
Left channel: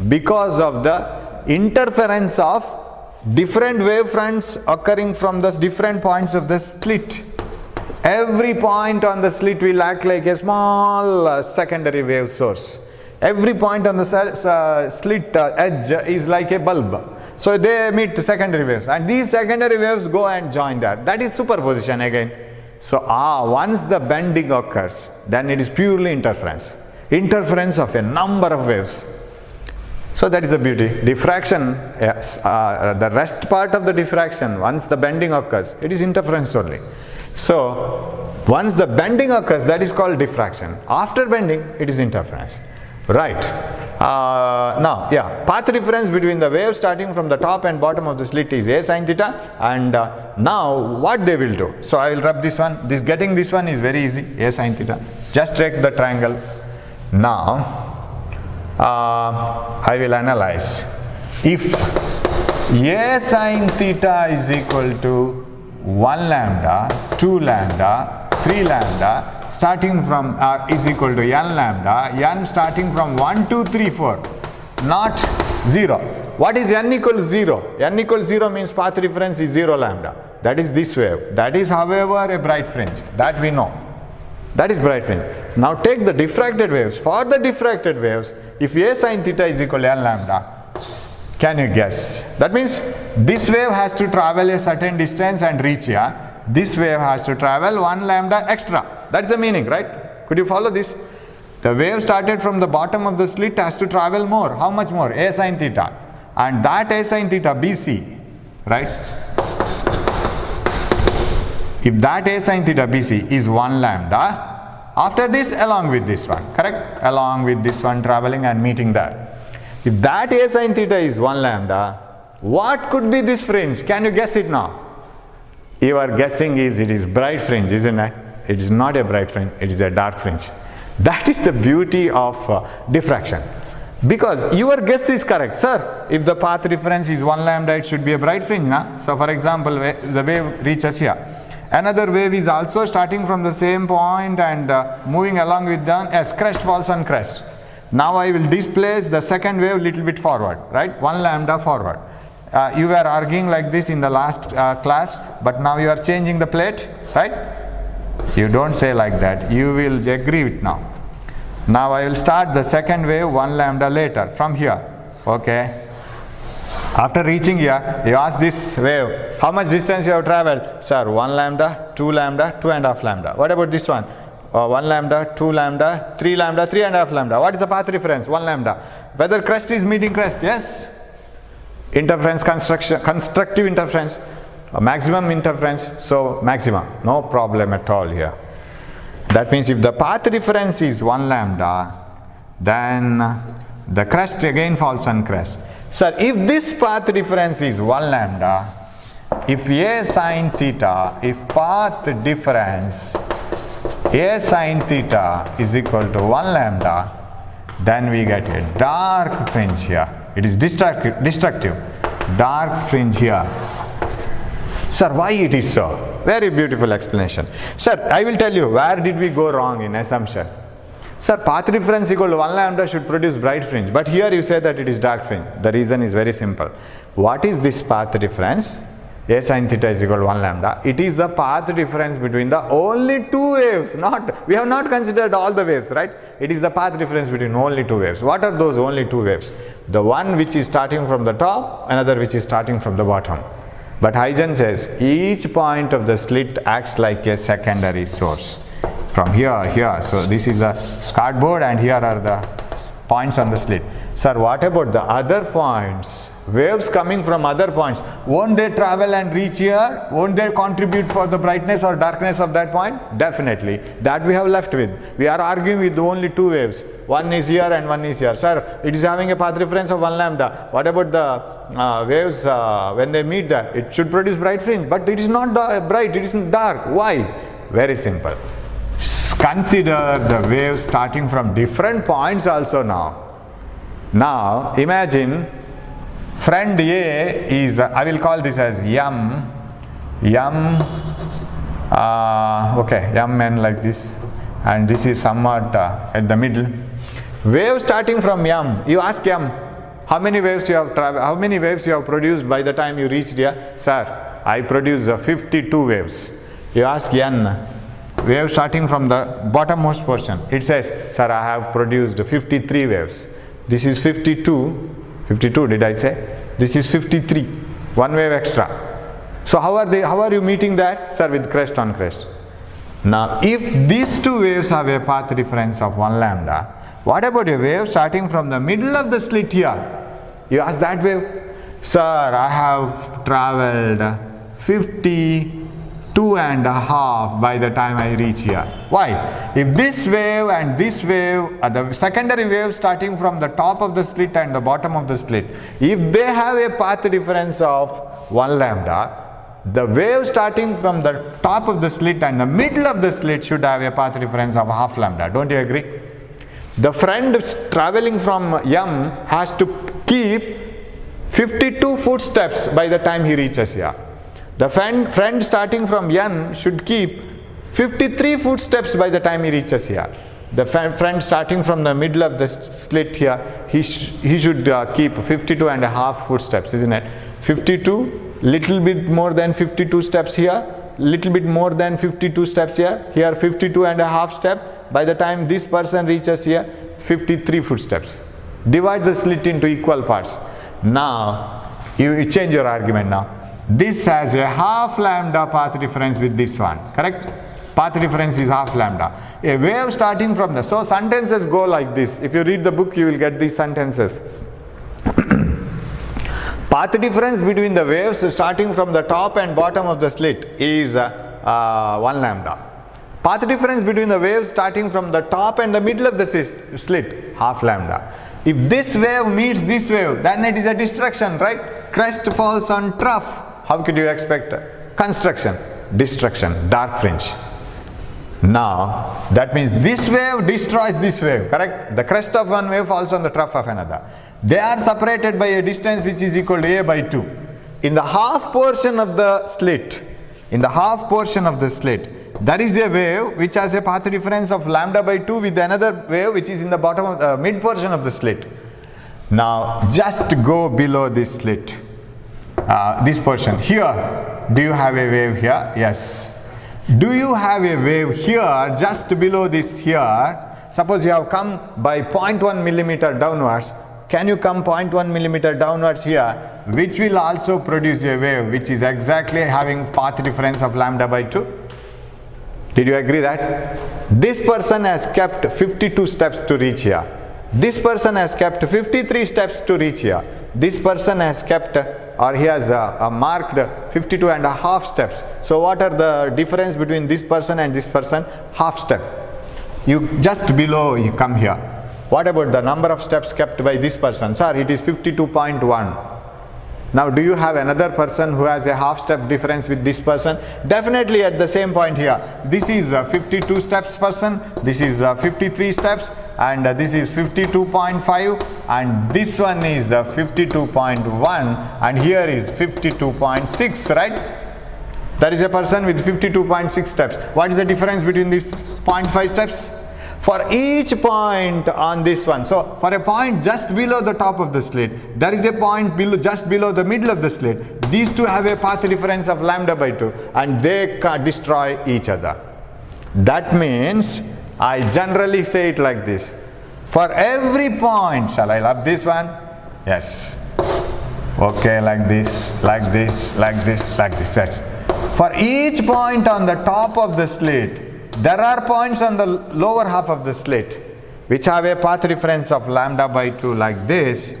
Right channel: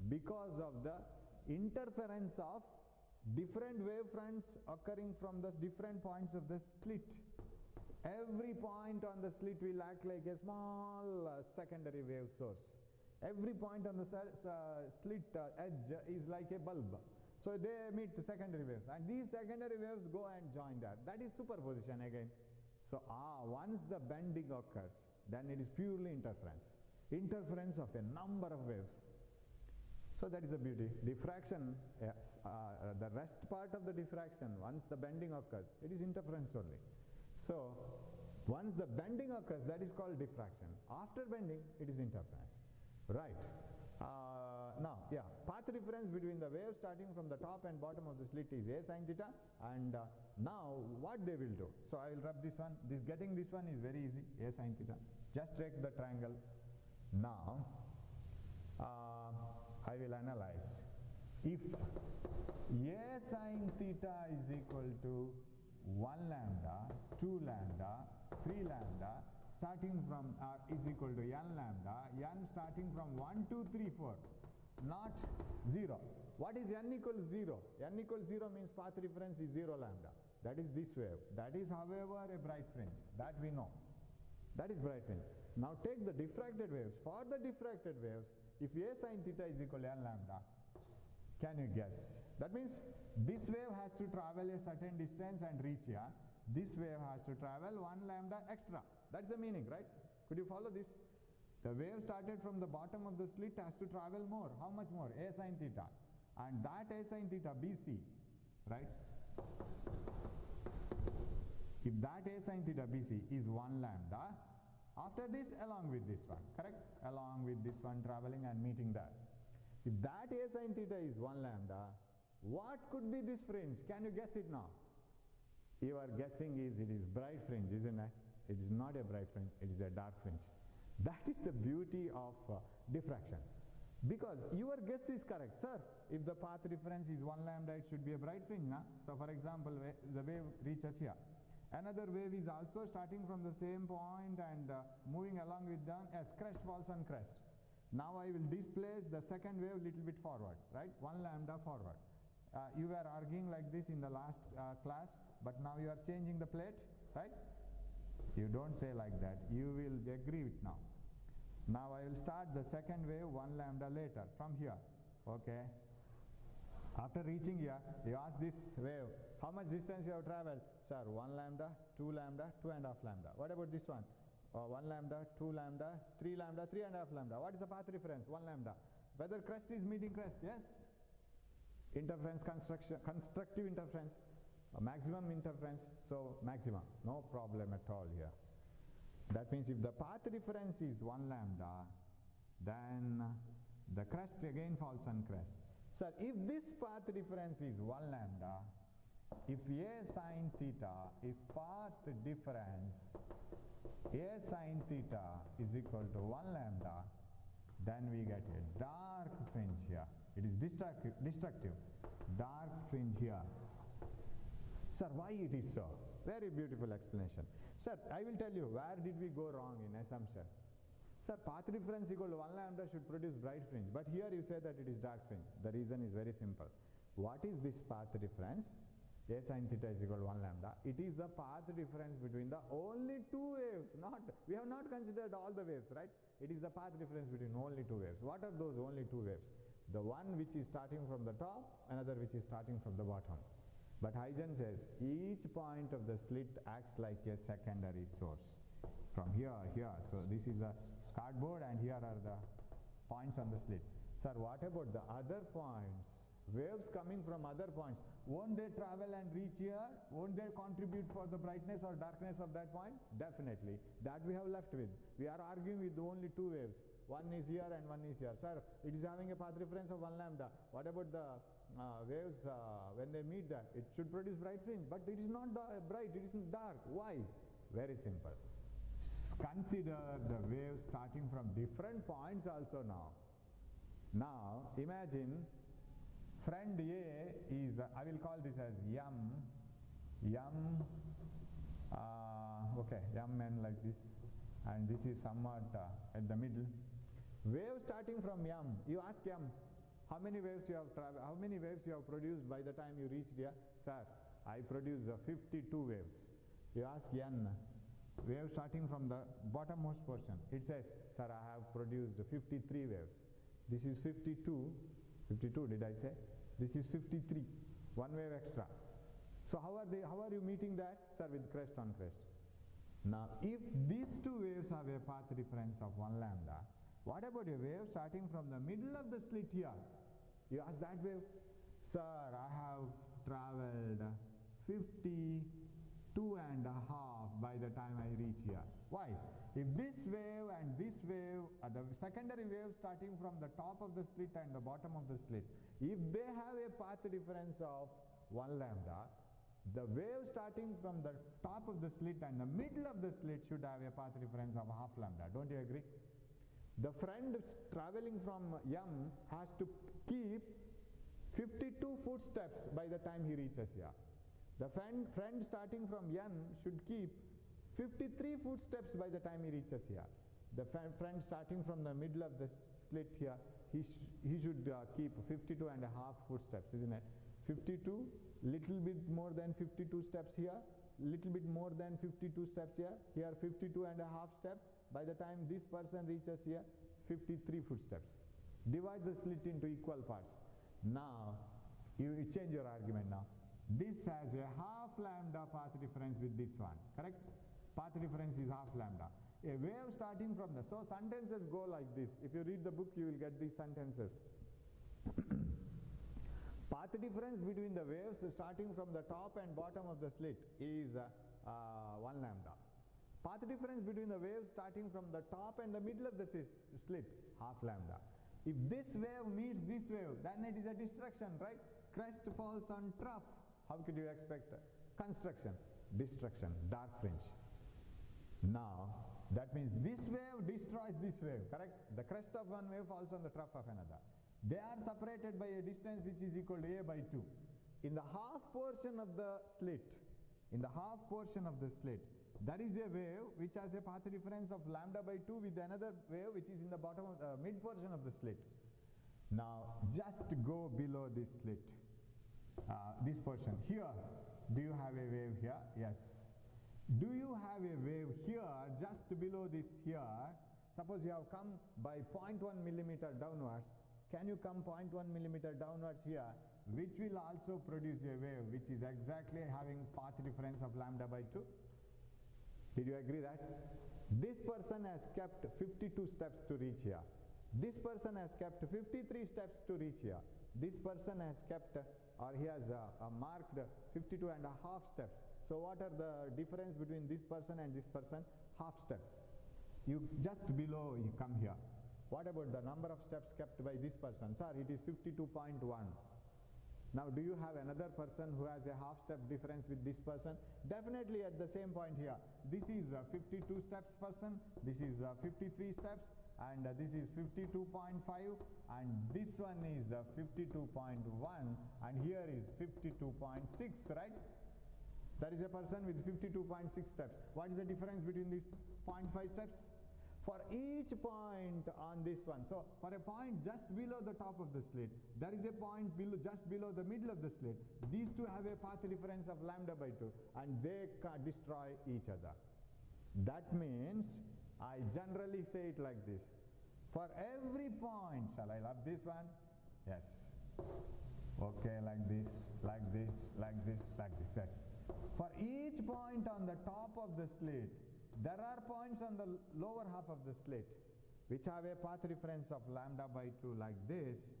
because of the interference of different wave fronts occurring from the different points of the slit. Every point on the slit will act like a small secondary wave source. Every point on the slit edge is like a bulb. So they emit secondary waves, and these secondary waves go and join that. That is superposition again. So once the bending occurs, then it is purely interference. Interference of a number of waves. So that is the beauty. Diffraction, the rest part of the diffraction, once the bending occurs, it is interference only. So once the bending occurs, that is called diffraction. After bending, it is interference. Right. Now, path difference between the wave starting from the top and bottom of the slit is A sine theta, and now what they will do. So I will rub this one. Getting this one is very easy. A sine theta. Just take the triangle. Now I will analyze. If A sine theta is equal to 1 lambda, 2 lambda, 3 lambda, starting from is equal to n lambda, n starting from 1, 2, 3, 4, not 0. What is n equals 0? N equals 0 means path reference is 0 lambda. That is this wave. That is, however, a bright fringe. That we know. That is bright fringe. Now take the diffracted waves. For the diffracted waves, if A sine theta is equal to n lambda, can you guess? That means this wave has to travel a certain distance and reach here. This wave has to travel 1 lambda extra. That's the meaning, right? Could you follow this? The wave started from the bottom of the slit has to travel more. How much more? A sine theta. And that A sine theta, BC, right? If that A sine theta, BC is 1 lambda, after this, along with this one, correct? Along with this one traveling and meeting there. If that A sine theta is 1 lambda, what could be this fringe? Can you guess it now? Your guessing is it is bright fringe, isn't it? It is not a bright fringe, it is a dark fringe. That is the beauty of diffraction. Because your guess is correct. Sir, if the path reference is 1 lambda, it should be a bright fringe. Na? So for example, the wave reaches here. Another wave is also starting from the same point and moving along with them as crest falls on crest. Now I will displace the second wave little bit forward, right? 1 lambda forward. You were arguing like this in the last class, but now you are changing the plate, right? You don't say like that. You will agree with now. Now I will start the second wave 1 lambda later from here. Okay. After reaching here, you ask this wave, how much distance you have traveled? Sir, 1 lambda, 2 lambda, 2.5 lambda. What about this one? 1 lambda, 2 lambda, 3 lambda, 3.5 lambda. What is the path reference? 1 lambda. Whether crest is meeting crest? Yes. Interference, constructive interference, maximum interference. So maxima, no problem at all here. That means if the path difference is 1 lambda, then the crest again falls on crest. Sir, if this path difference is 1 lambda, if a sine theta, if path difference a sine theta is equal to 1 lambda, then we get a dark fringe here. It is destructive. Dark fringe here. Sir, why it is so? Very beautiful explanation. Sir, I will tell you where did we go wrong in assumption. Sir, path difference equal to 1 lambda should produce bright fringe, but here you say that it is dark fringe. The reason is very simple. What is this path difference? A sin theta is equal to 1 lambda. It is the path difference between the only two waves. We have not considered all the waves, right? It is the path difference between only two waves. What are those only two waves? The one which is starting from the top, another which is starting from the bottom. But Huygens says each point of the slit acts like a secondary source. From here. So this is a cardboard and here are the points on the slit. Sir, what about the other points? Waves coming from other points, won't they travel and reach here? Won't they contribute for the brightness or darkness of that point? Definitely. That we have left with. We are arguing with only two waves. One is here and one is here. Sir, it is having a path difference of 1 lambda. What about the waves when they meet there? It should produce bright fringe, but it is not bright, it is dark. Why? Very simple. Consider the waves starting from different points also now. Now, imagine friend A is, I will call this as M n like this, and this is somewhat at the middle. Wave starting from M, you ask M, how many waves you have traveled, how many waves you have produced by the time you reached here? Sir, I produced 52 waves. You ask N, wave starting from the bottommost portion. It says, sir, I have produced 53 waves. This is 52 did I say? This is 53, one wave extra. So how are you meeting that? Sir, with crest on crest. Now if these two waves have a path difference of 1 lambda, what about a wave starting from the middle of the slit here? You ask that wave, sir, I have traveled 52 and a half by the time I reach here. Why? If this wave and this wave are the secondary wave starting from the top of the slit and the bottom of the slit, if they have a path difference of 1 lambda, the wave starting from the top of the slit and the middle of the slit should have a path difference of half lambda. Don't you agree? The friend traveling from M has to keep 52 footsteps by the time he reaches here. The friend starting from N should keep 53 footsteps by the time he reaches here. The friend starting from the middle of the slit here, he should keep 52 and a half footsteps, isn't it? 52, little bit more than 52 steps here, little bit more than 52 steps here, 52 and a half step. By the time this person reaches here, 53 footsteps. Divide the slit into equal parts. Now, you change your argument now. This has a half lambda path difference with this one, correct? Path difference is half lambda. A wave starting from the, so sentences go like this. If you read the book, you will get these sentences. Path difference between the waves starting from the top and bottom of the slit is 1 lambda. Path difference between the waves starting from the top and the middle of the slit, half lambda. If this wave meets this wave, then it is a destruction, right? Crest falls on trough. How could you expect construction? Destruction, dark fringe. Now, that means this wave destroys this wave, correct? The crest of one wave falls on the trough of another. They are separated by a distance which is equal to a by 2. In the half portion of the slit, there is a wave which has a path difference of lambda by 2 with another wave which is in the bottom of the mid portion of the slit. Now, just go below this slit. This portion here, do you have a wave here? Yes. Do you have a wave here just below this here? Suppose you have come by 0.1 millimeter downwards. Can you come 0.1 millimeter downwards here, which will also produce a wave which is exactly having path difference of lambda by 2? Did you agree that? This person has kept 52 steps to reach here. This person has kept 53 steps to reach here. This person has kept, or he has marked 52 and a half steps. So what are the difference between this person and this person? Half step. You just below, you come here. What about the number of steps kept by this person? Sir, it is 52.1. Now, do you have another person who has a half step difference with this person? Definitely at the same point here. This is a 52 steps person, this is 53 steps, and this is 52.5, and this one is 52.1, and here is 52.6, right? There is a person with 52.6 steps. What is the difference between these 0.5 steps? For each point on this one, so for a point just below the top of the slit, there is a point below, just below the middle of the slit. These two have a path difference of lambda by 2, and they destroy each other. That means I generally say it like this. For every point, shall I love this one? Yes. Okay, like this, like this, like this, like this. Yes. For each point on the top of the slit, there are points on the lower half of the slit which have a path difference of lambda by 2 like this,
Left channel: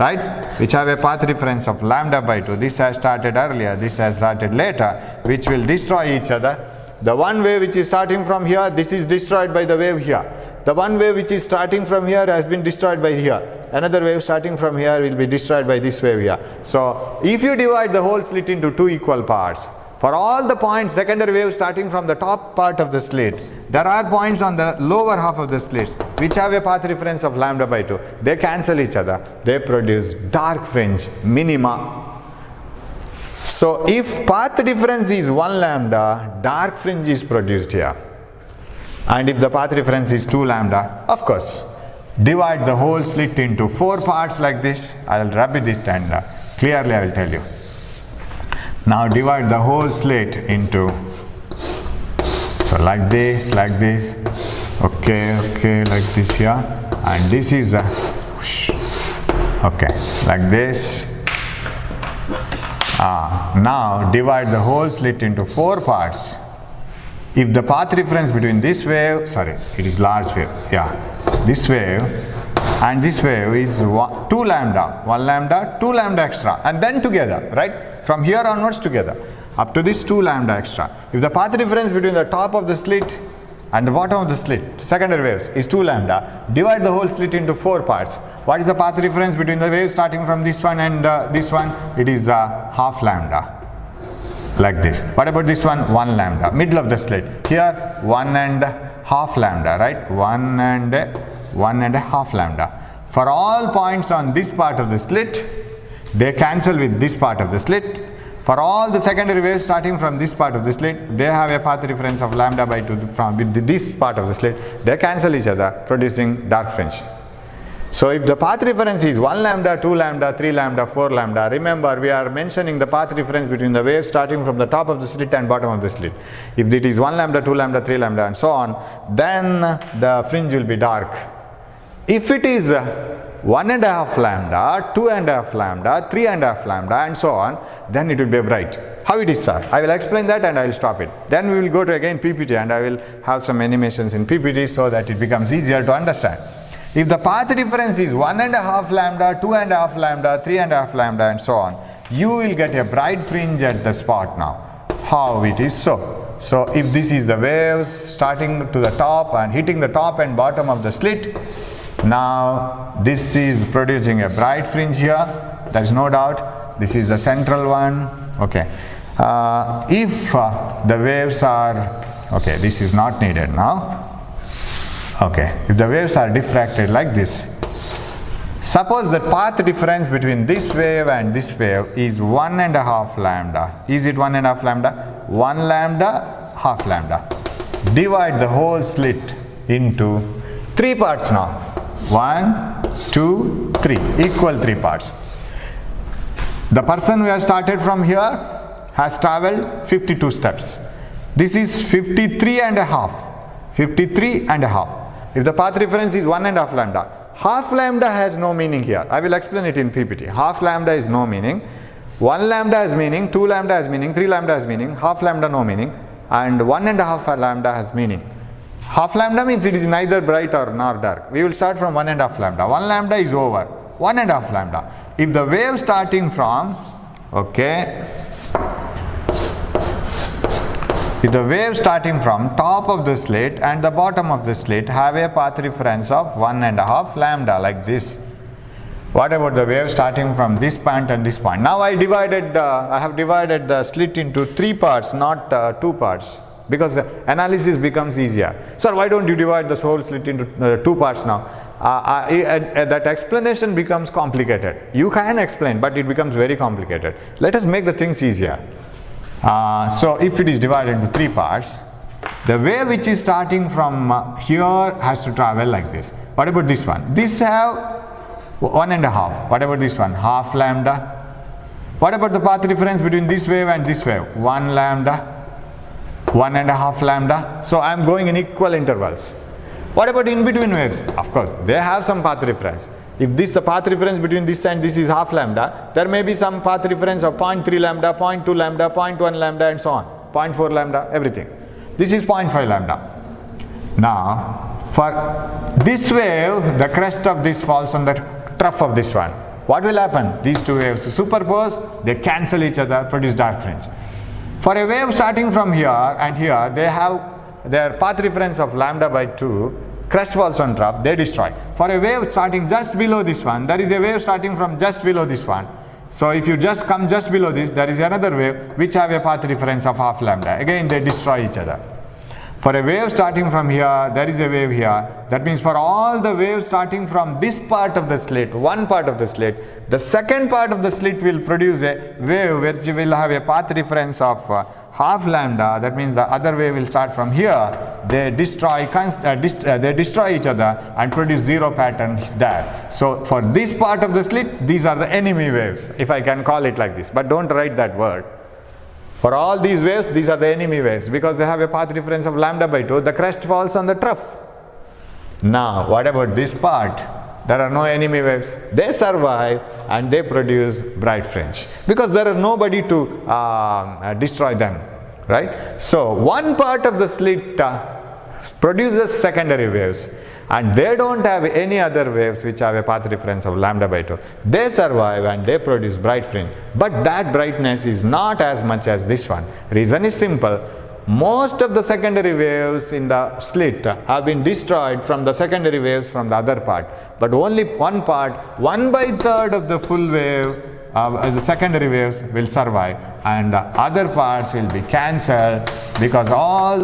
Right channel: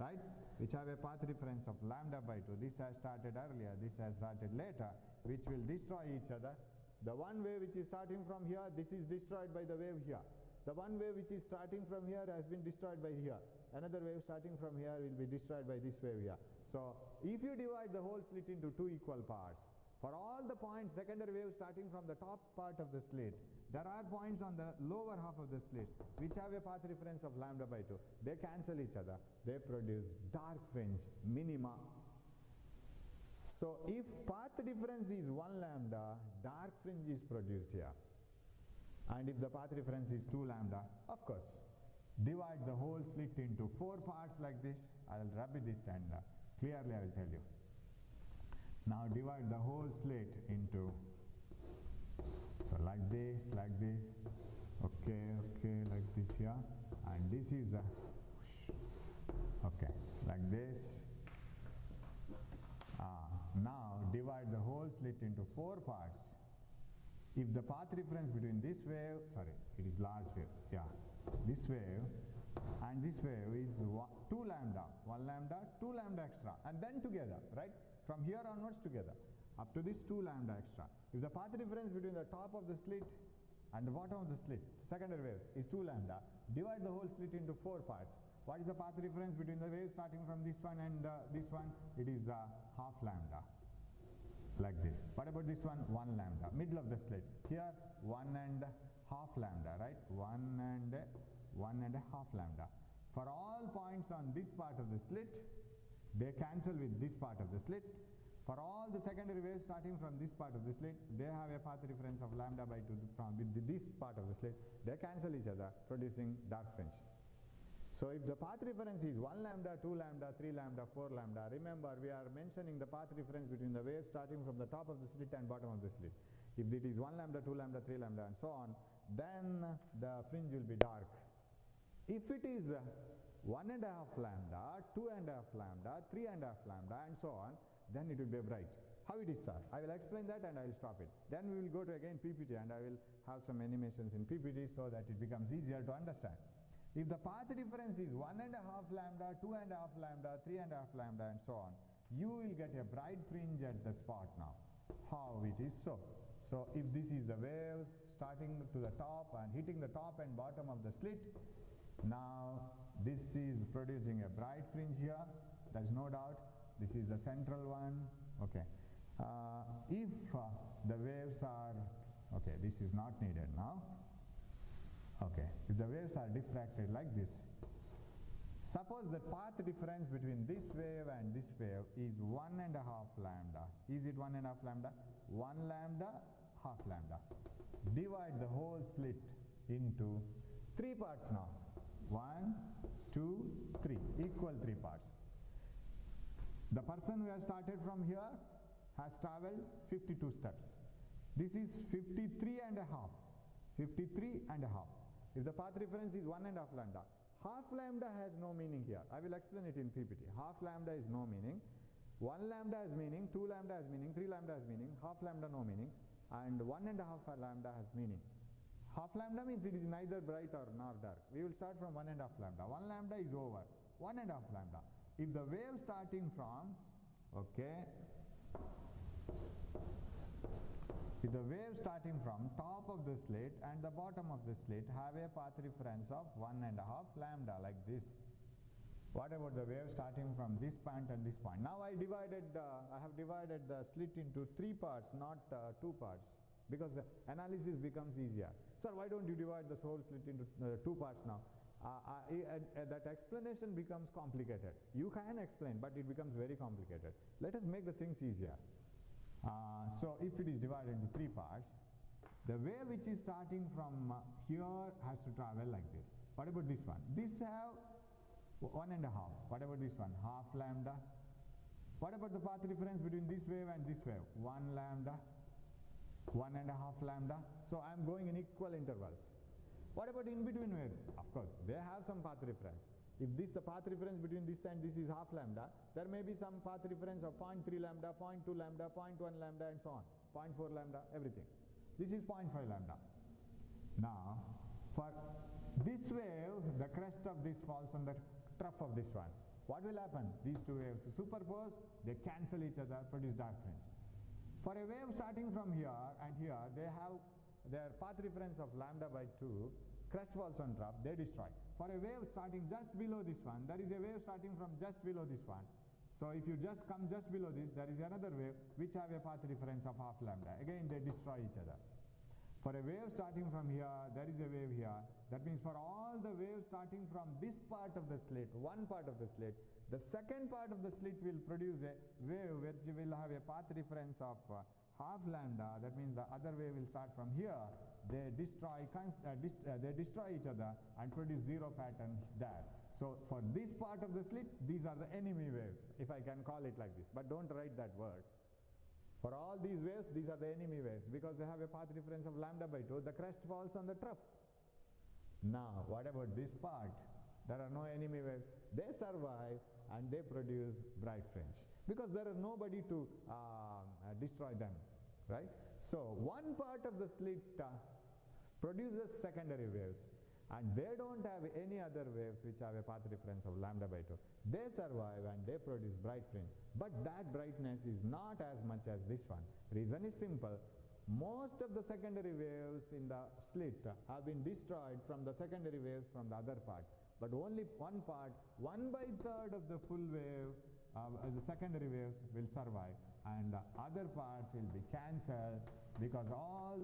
right? Which have a path difference of lambda by 2. This has started earlier, this has started later, which will destroy each other. The one wave which is starting from here, this is destroyed by the wave here. The one wave which is starting from here has been destroyed by here. Another wave starting from here will be destroyed by this wave here. So if you divide the whole slit into two equal parts, for all the points, secondary wave starting from the top part of the slit, there are points on the lower half of the slits which have a path difference of lambda by 2. They cancel each other. They produce dark fringe minima. So if path difference is 1 lambda, dark fringe is produced here. And if the path difference is 2 lambda, of course, divide the whole slit into 4 parts like this. I will rub it and clearly I will tell you. Now divide the whole slit into, so like this, okay, like this here, and this is okay, like this. Now divide the whole slit into 4 parts. If the path difference between this wave, sorry, it is large wave, yeah, this wave and this wave is 2 lambda, 1 lambda, 2 lambda extra, and then together, right? From here onwards together, up to this 2 lambda extra. If the path difference between the top of the slit and the bottom of the slit, secondary waves, is 2 lambda, divide the whole slit into 4 parts. What is the path difference between the waves starting from this one and this one? It is half lambda, like this. What about this one? 1 lambda, middle of the slit. Here 1.5 lambda, right? 1.5 lambda. For all points on this part of the slit, they cancel with this part of the slit. For all the secondary waves starting from this part of the slit, they have a path difference of lambda by 2 from with this part of the slit. They cancel each other, producing dark fringe. So if the path difference is 1 lambda, 2 lambda, 3 lambda, 4 lambda, remember we are mentioning the path difference between the waves starting from the top of the slit and bottom of the slit. If it is 1 lambda, 2 lambda, 3 lambda and so on, then the fringe will be dark. If it is 1.5 lambda, 2.5 lambda, 3.5 lambda and so on, then it will be bright. How it is, sir? I will explain that and I will stop it. Then we will go to again PPT and I will have some animations in PPT so that it becomes easier to understand. If the path difference is 1.5 lambda, 2.5 lambda, 3.5 lambda and so on, you will get a bright fringe at the spot now. How it is so? So if this is the waves starting to the top and hitting the top and bottom of the slit, now this is producing a bright fringe here, there is no doubt. This is the central one. Okay. If the waves are, okay, this is not needed now. Okay, if the waves are diffracted like this, suppose the path difference between this wave and this wave is 1.5 lambda. Is it 1.5 lambda? 1 lambda, half lambda. Divide the whole slit into 3 parts now. 1, 2, 3, equal 3 parts. The person who has started from here has traveled 52 steps. This is 53 and a half. 53 and a half. If the path difference is 1.5 lambda, half lambda has no meaning here. I will explain it in PPT. Half lambda is no meaning. 1 lambda has meaning, 2 lambda has meaning, 3 lambda has meaning, half lambda no meaning, and 1.5 lambda has meaning. Half lambda means it is neither bright or nor dark. We will start from 1.5 lambda. 1 lambda is over. 1.5 lambda. If the wave starting from, okay, if the wave starting from top of the slit and the bottom of the slit have a path difference of 1.5 lambda like this. What about the wave starting from this point and this point? Now I have divided the slit into 3 parts, not 2 parts, because the analysis becomes easier. Sir, why don't you divide the whole slit into 2 parts now? That explanation becomes complicated. You can explain, but it becomes very complicated. Let us make the things easier. So if it is divided into 3 parts, the wave which is starting from here has to travel like this. What about this one? This have 1.5. What about this one? Half lambda. What about the path difference between this wave and this wave? 1 lambda, 1.5 lambda. So I am going in equal intervals. What about in between waves? Of course, they have some path difference. If the path difference between this and this is half lambda, there may be some path difference of 0.3 lambda, 0.2 lambda, 0.1 lambda and so on. 0.4 lambda, everything. This is 0.5 lambda. Now, for this wave, the crest of this falls on the trough of this one. What will happen? These 2 waves superpose, they cancel each other, produce dark fringe. For a wave starting from here and here, they have their path difference of lambda by 2, crest falls on trough, they destroy. For a wave starting just below this one, there is a wave starting from just below this one. So if you just come just below this, there is another wave which have a path difference of half lambda. Again, they destroy each other. For a wave starting from here, there is a wave here. That means for all the waves starting from this part of the slit, one part of the slit, the second part of the slit will produce a wave which will have a path difference of half lambda. That means the other wave will start from here. They destroy each other and produce 0 pattern there. So for this part of the slit, these are the enemy waves, if I can call it like this. But don't write that word. For all these waves, these are the enemy waves because they have a path difference of lambda by 2. The crest falls on the trough. Now, what about this part? There are no enemy waves. They survive and they produce bright fringe because there is nobody to destroy them, right? So, one part of the slit produces secondary waves and they don't have any other waves which have a path difference of lambda by 2. They survive and they produce bright fringe, but that brightness is not as much as this one. Reason is simple. Most of the secondary waves in the slit have been destroyed from the secondary waves from the other part, but only one part, 1/3 of the full wave, the secondary waves will survive and the other parts will be cancelled because all